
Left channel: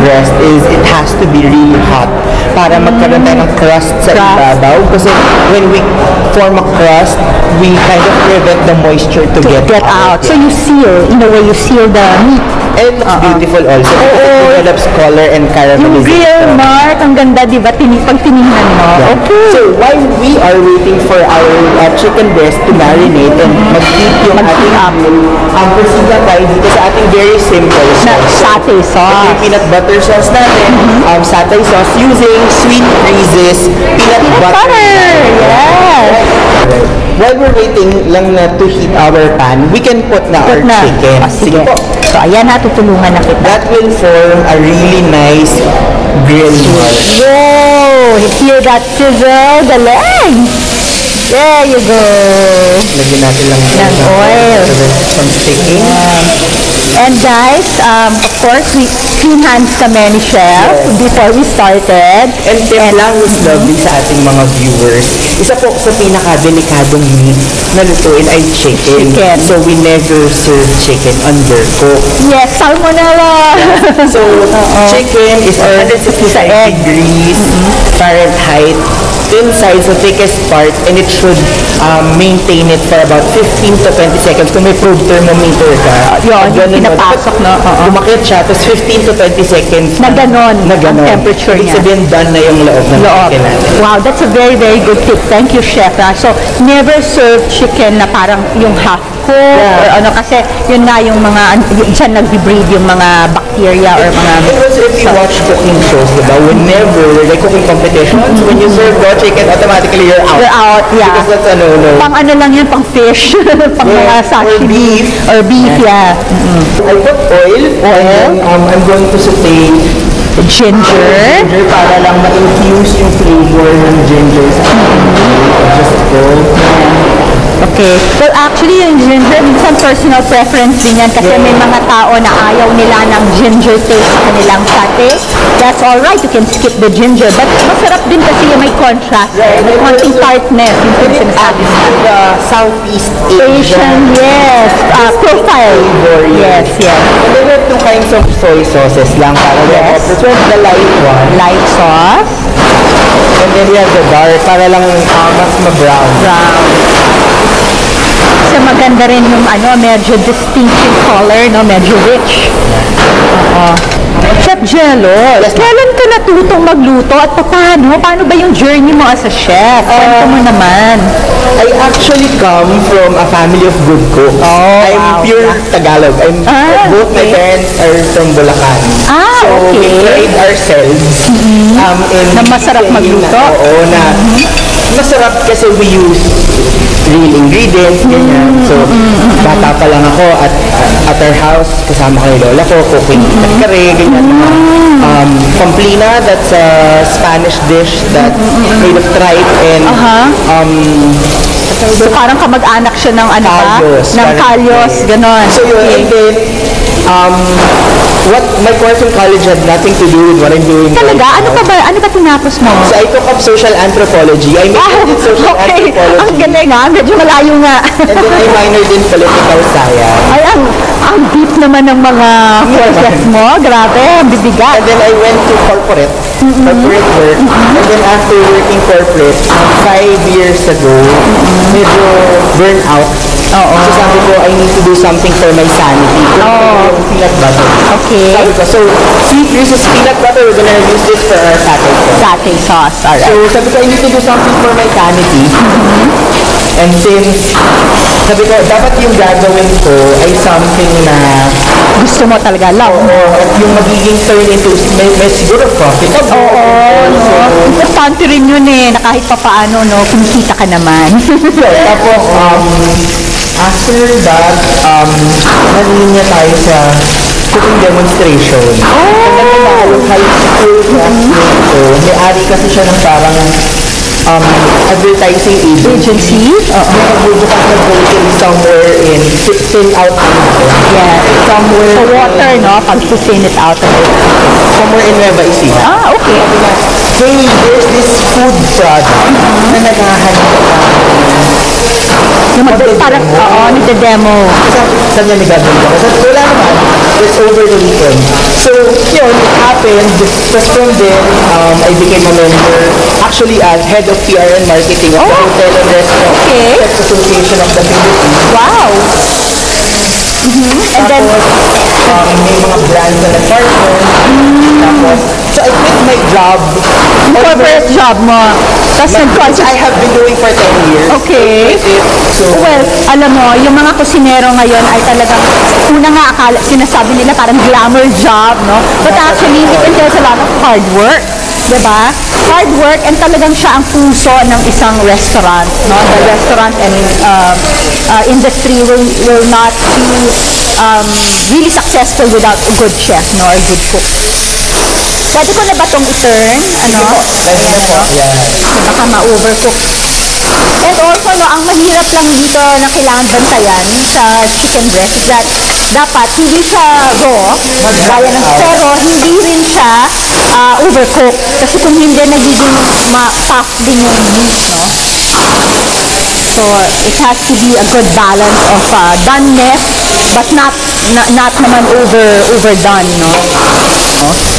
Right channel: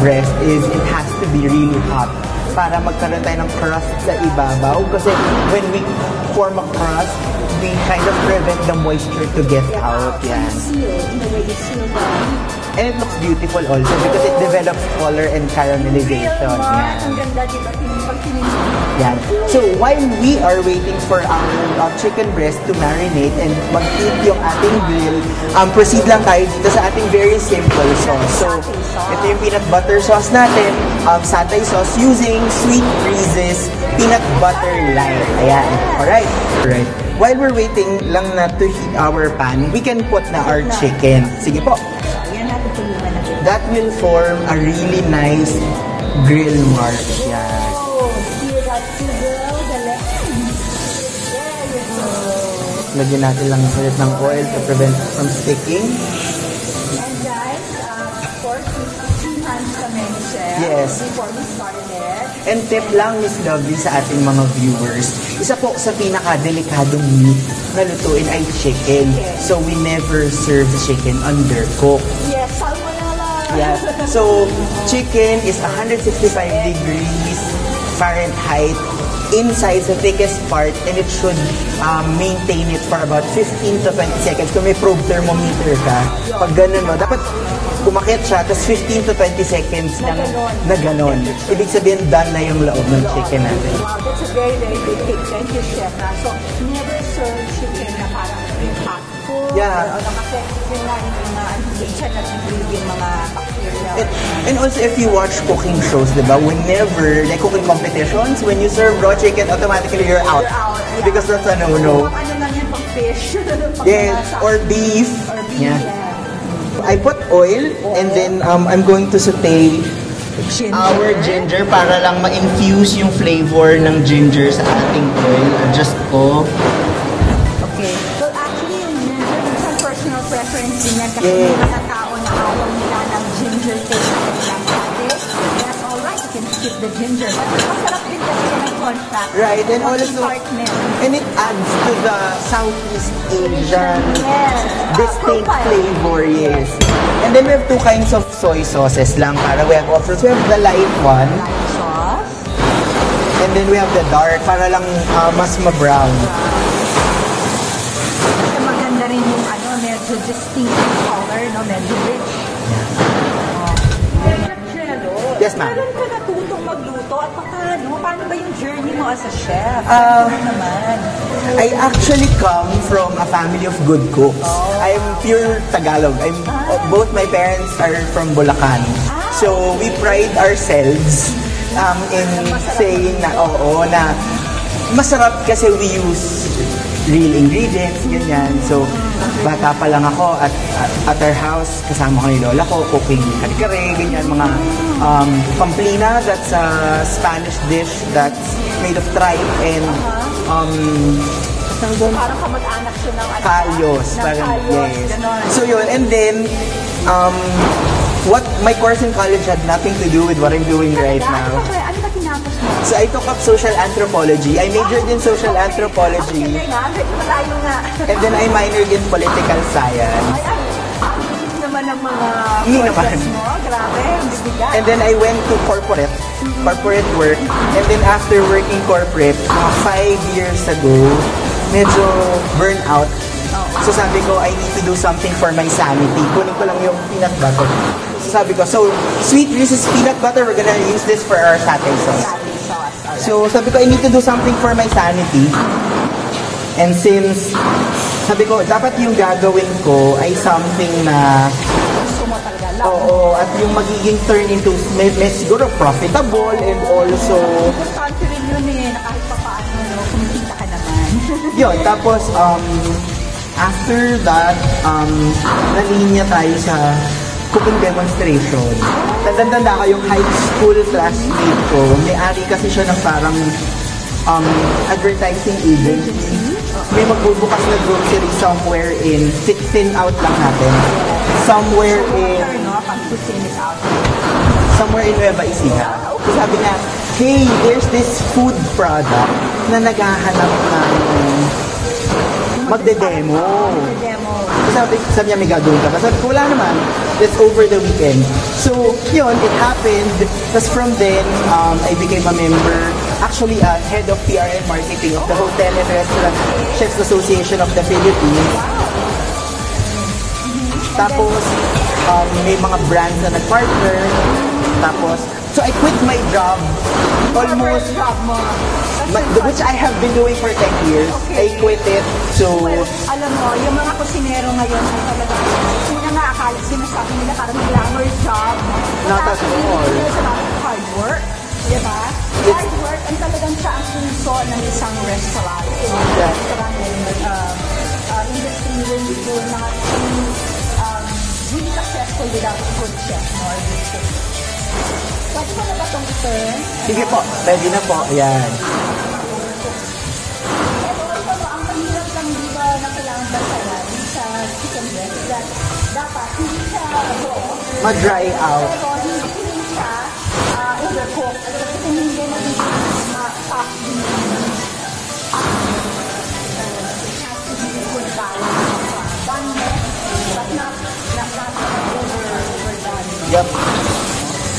breast is it has to be really hot para magkaroon tayo ng crust sa ibabaw. Kasi when we form a crust, we kind of prevent the moisture to get out. So you seal, in a way, you seal the meat. And it looks beautiful also because it develops color and Yung caramelization. grill mark, ang ganda, di ba? Pag tinignan mo. Yeah. Okay. So while we are waiting for our chicken breast to marinate and mag-heat yung ating grill, proceed na tayo dito sa ating very simple sauce. Satay sauce. Ito yung peanut butter sauce natin. Satay sauce using Sweet Reese's peanut butter. Yes. Right. While we're waiting lang na to heat our pan, we can put na our chicken. Sige po. So, ayan na, tutulungan na kita. That will form a really nice grill mark. Whoa! Hear that sizzle? The legs! There you go. Lagyan natin lang ng oil. From sticking. And guys, of course, we clean hands kami ni Chef before we started. And tip lang is lovely sa ating mga viewers. Isa po sa pinaka-delikadong meat na lutuin ay chicken. So we never serve chicken undercooked. Yes, salmonella. So chicken is 165 degrees Fahrenheit thin side, the thickest part, and it should maintain it for about 15 to 20 seconds. Kung may probe thermometer ka, Yun, pinapasok, no? Kumakit siya, tapos 15 to 20 seconds Na ganon, ang temperature Ibig niya. sabihin, done na yung loob ng chicken natin. Wow, that's a very, very good tip. Thank you, Chef. So, never serve chicken na parang yung half cooked or ano, kasi yun nga yung mga, dyan nag-breed yung mga bacteria or mga... And also, if you watch cooking shows, diba, whenever, like cooking competitions, when you serve raw chicken, automatically you're out. You're out, yeah. Because that's a no-no. Pang ano lang yun, pang fish, pang mga sashimi. Or beef, yeah. I put oil, and then I'm going to saute ginger para lang ma-infuse yung flavor ng ginger sa ating just cold. Okay. Well, actually, yung ginger, minsan personal preference din yan kasi may mga tao na ayaw nila ng ginger taste sa kanilang sate. That's alright, you can skip the ginger. But masarap din kasi yung may contrast. May konting tartness. And it adds to the Southeast Asian, yes. Profile. Flavor, yes. And then we have two kinds of soy sauces lang para we have the light one. Light sauce. And then we have the dark para lang mas ma-brown. Kasi maganda rin yung ano, medyo distinctive color, no? Medyo rich. Chef Jello, kailan ka natutong magluto at paano? Paano ba yung journey mo as a chef? Kwento mo naman. I actually come from a family of good cooks. I'm pure Tagalog. Both my parents are from Bulacan. So we pride ourselves in na masarap magluto. Masarap kasi we use real ingredients, ganyan. So, bata pa lang ako at our house, kasama ko yung lola ko, cooking kare, ganyan. Pamplina, that's a Spanish dish that's made of tripe and so parang kamag-anak siya ng ano ba? Ng kalyos, ganon. So yun, and then, what my course in college had nothing to do with what I'm doing Talaga? right Ano now. pa ba? Ano ba tinapos mo? So I took up social anthropology. I majored in social anthropology. Ang galing nga. Medyo malayo nga. And then I minored in political science. Ay, ang deep naman ng mga courses mo. Grabe, ang bibigat. And then I went to corporate work. And then after working corporate, 5 years ago, medyo burn out. So sabi ko, I need to do something for my sanity. Yung peanut butter. Okay. Sabi ko, so see, this is peanut butter. We're gonna use this for our satay sauce. Satay sauce, alright. So sabi ko, I need to do something for my sanity. And since, sabi ko, dapat yung gagawin ko ay something na gusto mo talaga, love. At yung magiging turn into, may siguro profit. Importante rin yun na kahit pa paano, no, kumikita ka naman. Tapos, after that, nalinya tayo sa cooking demonstration. Nagtatalo high school classmate ko. May-ari kasi siya ng parang advertising agency. May magbubukas na grocery somewhere in thin out lang natin. Yeah. Somewhere Sa water, no? Pag thin it out. Somewhere in Nueva Ecija. Okay. Sabi niya, hey, there's this food product na naghahanap Parang, nagde-demo. Sabi niya, may gagawin ka. Sabi ko, wala naman. It's over the weekend. So, yun, it happened. Tapos from then, I became a member, actually as head of PR and marketing of the Hotel and Restaurant Chefs Association of the Philippines. Wow! And then, Tapos, may mga brands na nag-partner. Tapos, so I quit my job. corporate job mo. Which I have been doing for 10 years. Okay. I quit it. So, Well, alam mo, yung mga kusinero ngayon ay talagang, una nga akala, sinasabi nila parang glamour job, no? But actually, it entails a lot of hard work. Diba? Hard work and talagang siya ang puso ng isang restaurant, no? The restaurant and industry will not be really successful without a good chef, no? Or good cook. Pwede ko na ba itong i-turn? Ano? pwede na po. Yeah. Baka ma-overcook. And also, no, ang mahirap lang dito na kailangan bantayan sa chicken breast is that dapat hindi siya raw, pero hindi rin siya overcooked. Kasi kung hindi, nagiging tough din yung meat, no? So, it has to be a good balance of doneness, but not naman overdone, no?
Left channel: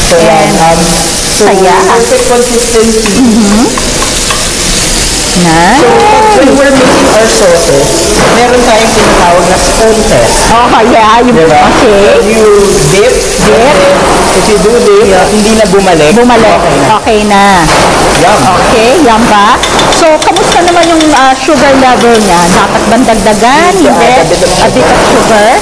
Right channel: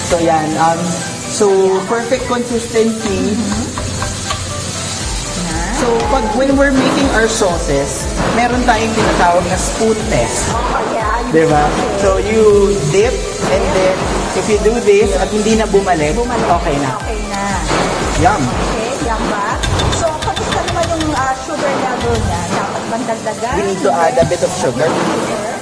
So, yan. So, perfect consistency. Nice. So, when we're making our sauces, meron tayong tinatawag na spoon test. Oh, yeah. Diba? Okay. So, you dip. If you do this, hindi na bumalik. Okay na. Okay na. Yum. Okay, yum ba? So, kamusta naman yung sugar level niya? Dapat bang dagdagan? You need to add a bit of A bit of sugar?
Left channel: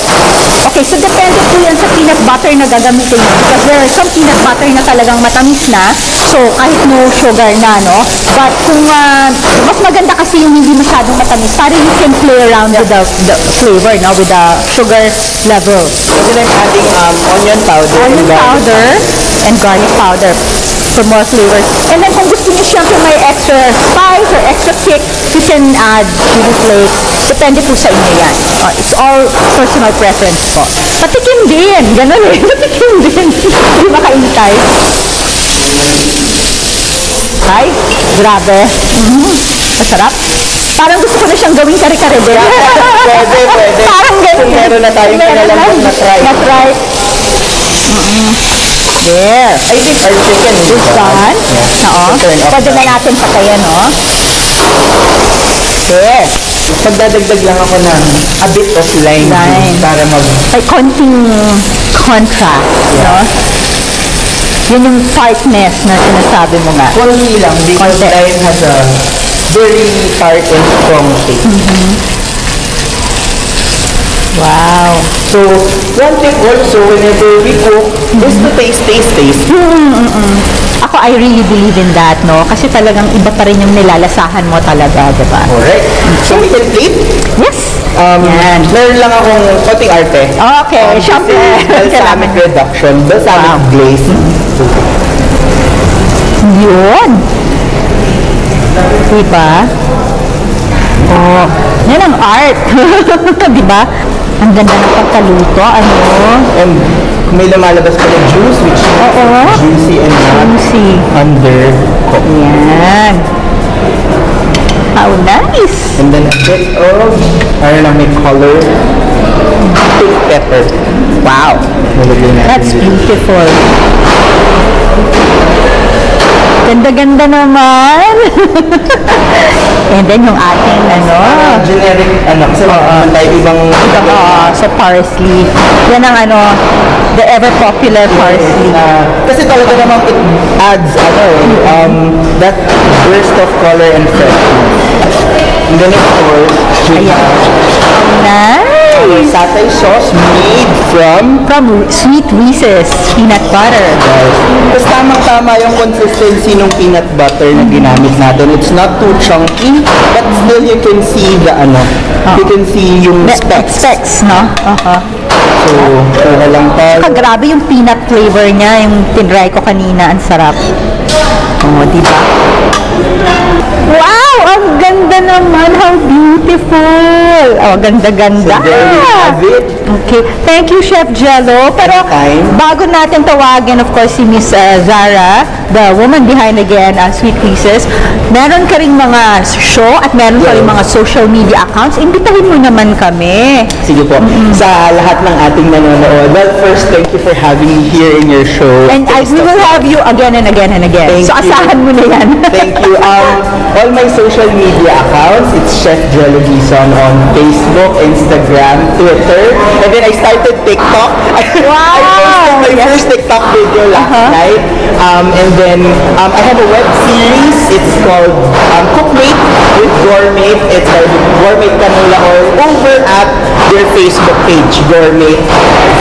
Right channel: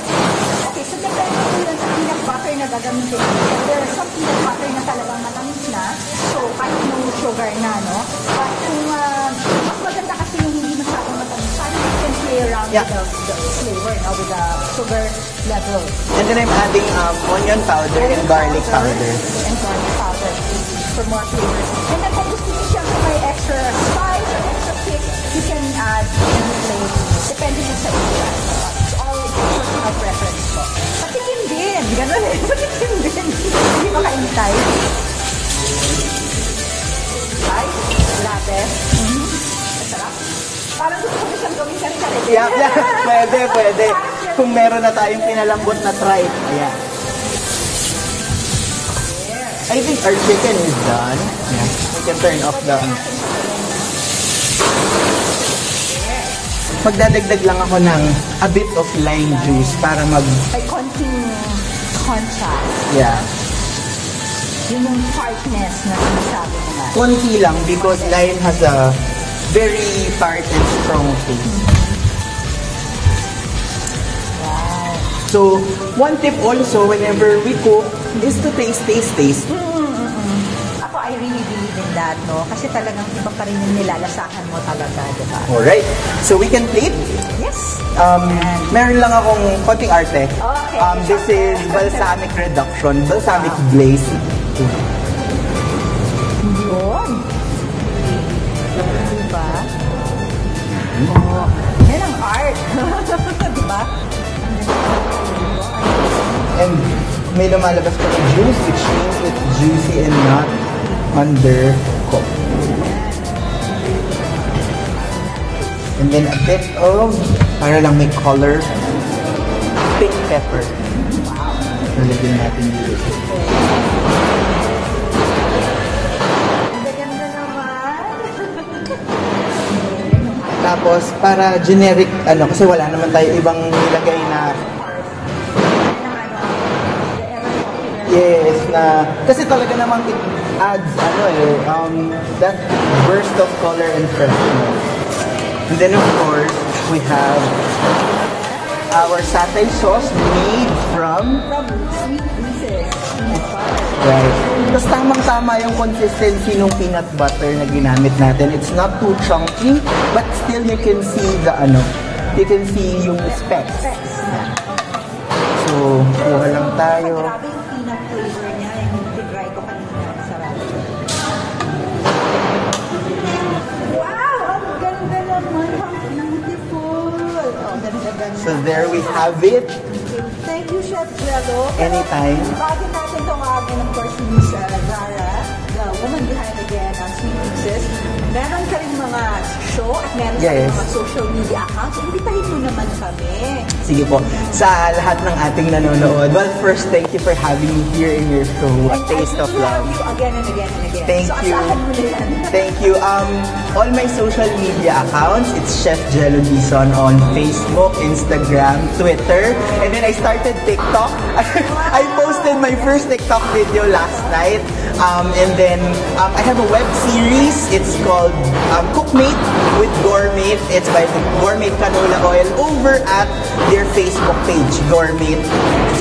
Okay, so depende po yan sa peanut butter na gagamitin niyo. Because there are some peanut butter na talagang matamis na. So, kahit no sugar na, no? But kung mas maganda kasi yung hindi masyadong matamis, para you can play around with the flavor, no? With the sugar level. And then I'm adding onion powder. And garlic powder for more flavors. And then kung gusto niyo siyempre may extra spice or extra kick, you can add chili flakes. Depende po sa inyo yan. It's all personal preference po. Patikim din. Ganun eh. Patikim din. Hindi makaintay. Ay, grabe. Masarap. Parang gusto ko na siyang gawing kare-kare din. Pwede. Parang ganun. Kung meron na tayong pinalambot na try. That's right. There. I think our chicken is done. Yeah. Oo. Pwede na natin patayan, no? There. Magdadagdag lang ako ng a bit of lime juice para may konting contrast, no? Yun yung tartness na sinasabi mo nga. Konti lang because lime has a very tart and strong taste. Wow. So, one tip also whenever we cook is to taste. Ako, I really believe in that, no? Kasi talagang iba pa rin yung nilalasahan mo talaga, di ba? Alright. So, we can plate? Yes. Meron lang akong konting arte. Okay, syempre. Balsamic reduction, balsamic glaze. Yun. Diba? Oh, yan ang art. Diba? Ang ganda ng pagkaluto, ano? And may lumalabas pa ng juice, which is juicy and not under. Yan. How nice! And then a bit of, para lang may color, pink pepper. Wow! That's beautiful. Ganda-ganda naman. And then yung ating generic kasi meron tayo ibang sa parsley. Yan ang the ever popular parsley. Kasi talaga namang it adds that burst of color and freshness. And then of course, our satay sauce made from Sweet Reese's peanut butter. Right. Tapos tamang-tama yung consistency ng peanut butter na ginamit natin. It's not too chunky, but still you can see the you can see yung specks. No? So, kaya lang tayo. Grabe yung peanut flavor niya, yung tinry ko kanina, ang sarap. Diba? Wow! Ang ganda naman! How beautiful! Ganda-ganda! So there we have it. Okay. Thank you, Chef Jello. Pero bago natin tawagin, of course, si Miss Zara, the woman behind again, Sweet Reese's, meron ka ring mga show at meron ka ring mga social media accounts. Imbitahin mo naman kami. Sige po. Sa lahat ng ating nanonood, well, first, thank you for having me here in your show. And we will have you again and again and again. Thank you. Asahan mo na yan. Thank you. All my social media accounts, it's Chef Jello Gison on Facebook, Instagram, Twitter, and then I started TikTok. Wow! I posted my first TikTok video last night. And then I have a web series. It's called Cookmate with Gourmet. It's by Gourmet Canola Oil over at their Facebook page, Gourmet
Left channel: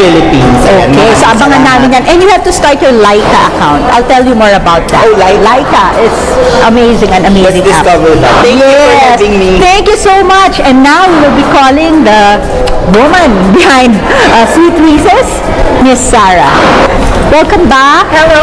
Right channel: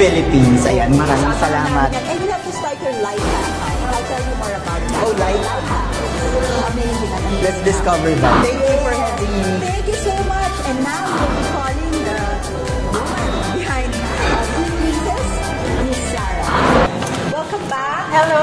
Philippines. Okay, so abangan namin yan. And you have to start your Laika account. I'll tell you more about that. Oh, Laika. It's amazing and amazing. Let's discover that. Thank you for having me. Thank you so much. And now we will be calling the woman behind Sweet Reese's, Miss Sarah. Welcome back. Hello.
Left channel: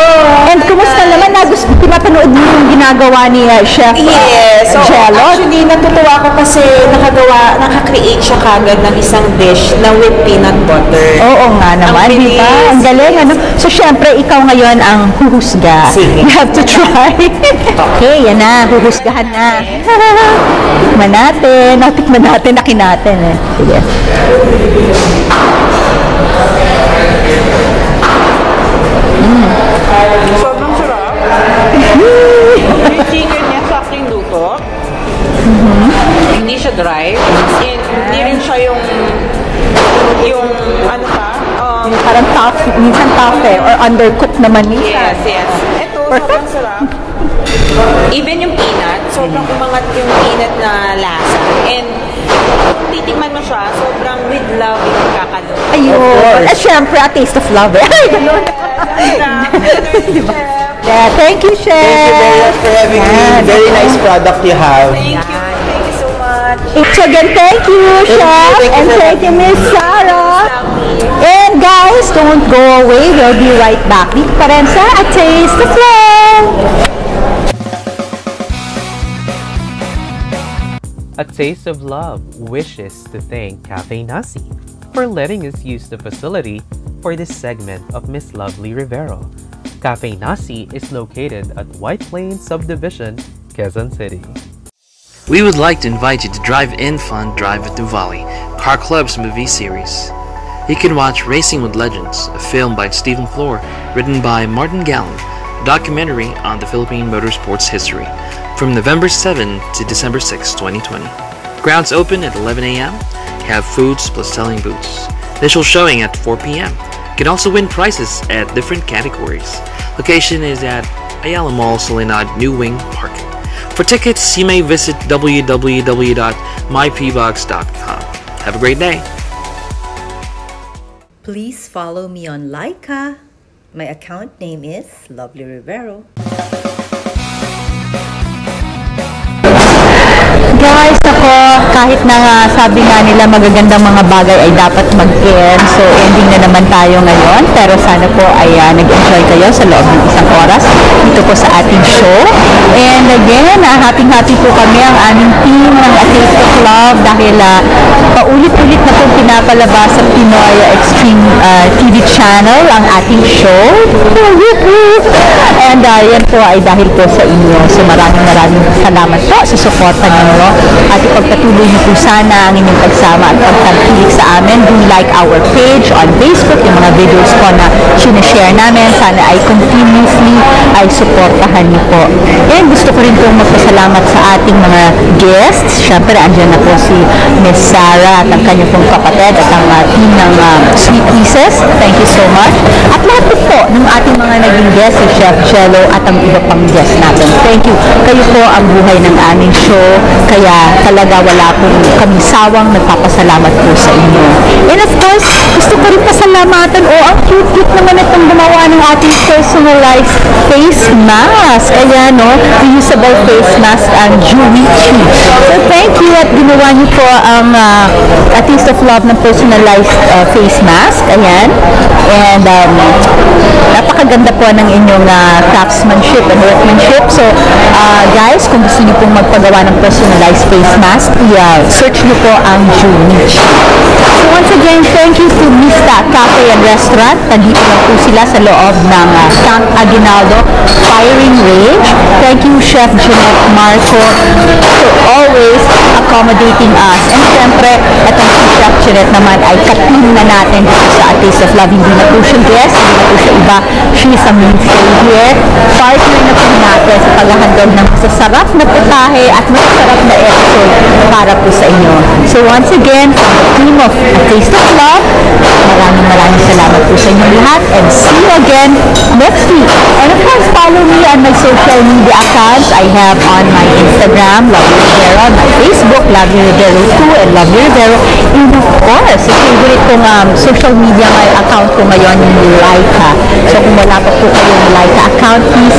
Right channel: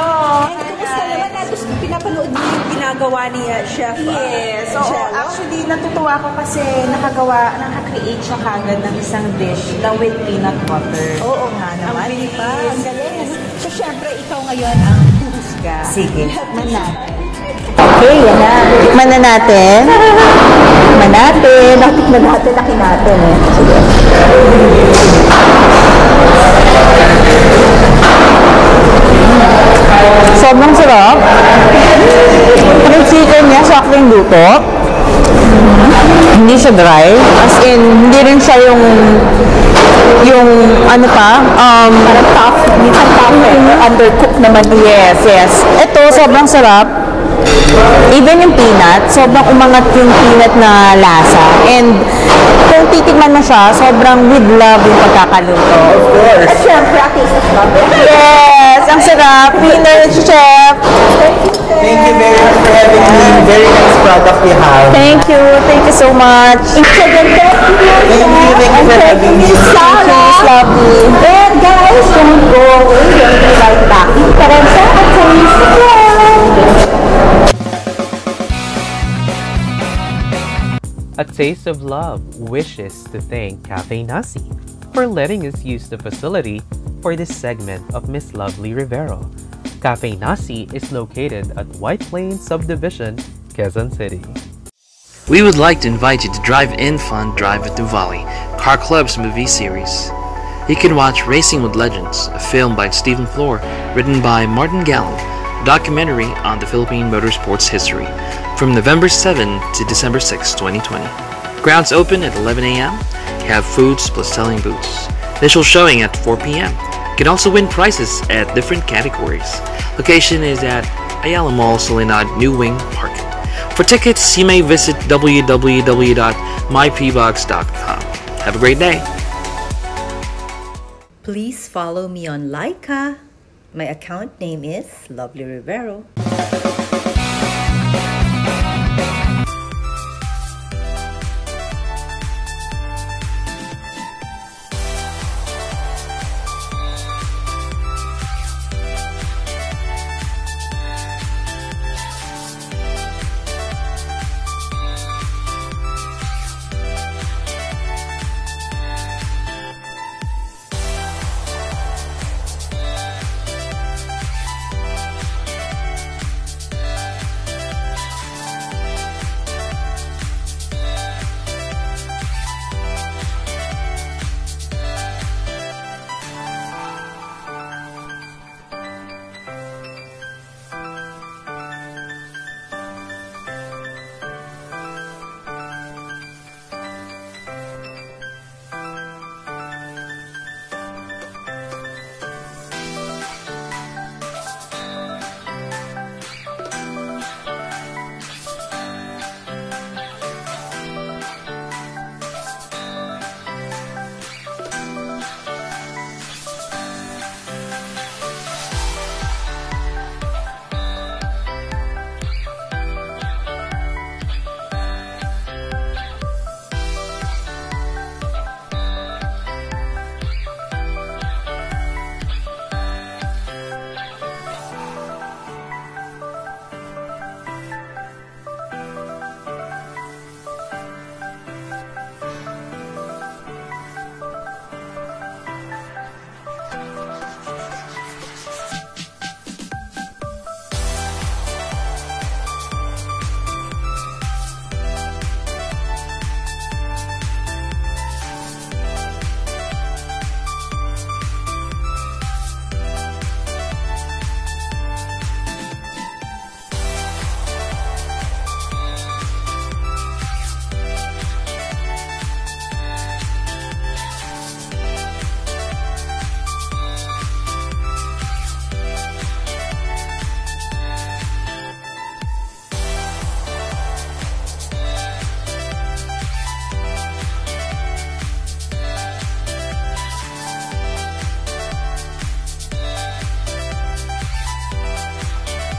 And kumusta naman? Pinapanood mo yung ginagawa ni Chef Jello? Actually, natutuwa ko kasi naka-create siya kagad ng isang dish na with peanut butter. Oo nga naman, di ba? Ang galing, So, syempre, ikaw ngayon ang huhusga. Sige. You have to try. Okay, yan na. Tikman na natin. Natikman natin, nakin natin. Sobrang sarap. Yung chicken niya, saktong luto. Hindi siya dry. As in, hindi rin siya yung ano pa, parang tough, minsan tough or undercooked naman. Yes, yes. Ito, sobrang sarap. Even yung peanut, sobrang umangat yung peanut na lasa. And kung titikman mo siya, sobrang with love yung pagkakaluto. Of course. At syempre, a taste of love. Yes, ang sarap. Winner, Chef. Thank you, Chef. Thank you very much for everything. Very nice product you have. Thank you. Thank you so much. Again, thank you, Chef. And thank you, Miss Sarah. And guys, don't go away. We'll be right back. Dito pa rin sa A Taste of Love. A Taste of Love wishes to thank Cafe Nasi for letting us use the facility for this segment of Miss Lovely Rivero. Cafe Nasi is located at White Plains Subdivision, Quezon City. We would like to invite you to Drive-In Fun Drive at Nuvali, Car Club's movie series. You can watch Racing with Legends, a film by Stephen Flor, written by Martin Gallant, a documentary on the Philippine motorsports history, from November 7 to December 6, 2020. Grounds open at 11 a.m. Have foods plus selling booths. Initial showing at 4 p.m. You can also win prizes at different categories. Location is at Ayala Mall, Soledad, New Wing Park. For tickets, you may visit www.mypbox.com. Have a great day. Please follow me on Laika. My account name is Lovely Rivero. Guys, ako, kahit na sabi nga nila magagandang mga bagay ay dapat mag-end. So, ending na naman tayo ngayon. Pero sana po ay nag-enjoy kayo sa loob ng isang oras dito po sa ating show. And again, happy-happy po kami ang aming team ng A Taste of Love dahil paulit-ulit na po pinapalabas sa Pinoy Extreme TV channel ang ating show. And yan po ay dahil po sa inyo. So, maraming salamat po sa suporta ninyo. At ipagpatuloy niyo po sana ang inyong pagsama at pagtangkilik sa amin. Do like our page on Facebook, yung mga videos po na sinashare namin. Sana ay continuously ay supportahan niyo po. And gusto ko rin pong magpasalamat sa ating mga guests. Siyempre, andyan na po si Miss Sarah at ang kanyang pong kapatid at ang team ng Sweet Pieces. Thank you so much. At lahat po ng ating mga naging guests, si Chef Jello at ang iba pang guests natin. Thank you. Kayo po ang buhay ng aming show. Kaya talaga wala pong kami sawang nagpapasalamat po sa inyo. And of course, gusto ko rin pasalamatan. Ang cute-cute naman itong gumawa ng ating personalized face mask. Ayan, reusable face mask ang Juichi. So thank you at ginawa niyo po ang A Taste of Love ng personalized face mask. Ayan. And napakaganda po ng inyong craftsmanship and workmanship. So guys, kung gusto niyo pong magpagawa ng personalized face mask, search niyo po ang Juichi. So once again, thank you to Mista Cafe and Restaurant. Nandito lang po sila sa loob ng Camp Aguinaldo Firing Range. Thank you, Chef Jeanette Marco, for always accommodating us. And syempre, itong si Chef Jeanette naman ay katin na natin dito sa A Taste of Love. Hindi na po siya guest, hindi na po siya iba. She is a mainstay here. Partner na po natin sa paghahandog ng masasarap na putahe at masasarap na episode para po sa inyo. So once again, team of A Taste of Love, maraming salamat po sa inyo lahat and see you again next week. And of course, follow me on my social media accounts. I have on my Instagram, Lovely Rivero, on my Facebook, Lovely Rivero 2 and Lovely Rivero. And of course, yung favorite kong social media account ko ngayon yung Laika. So kung wala pa po kayong Laika account, please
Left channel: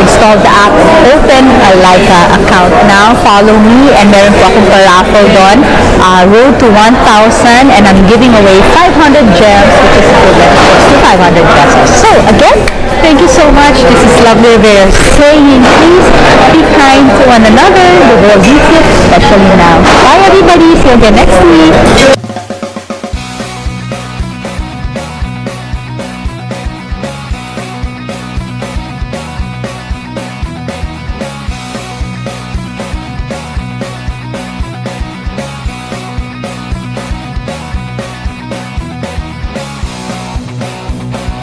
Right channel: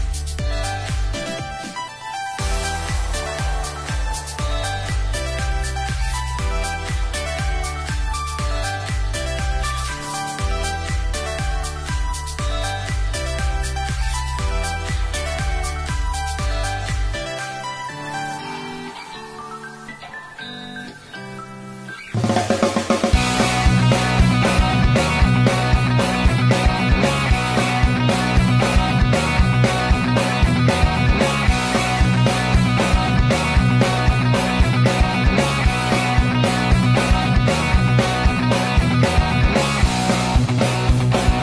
install the app and open a Laika account now. Follow me and meron po akong paraffle doon. Road to 1,000 and I'm giving away 500 gems which is equivalent to 500 pesos. So again, thank you so much. This is Lovely Rivero saying please be kind to one another. The world needs it, especially now. Bye everybody. See you again next week.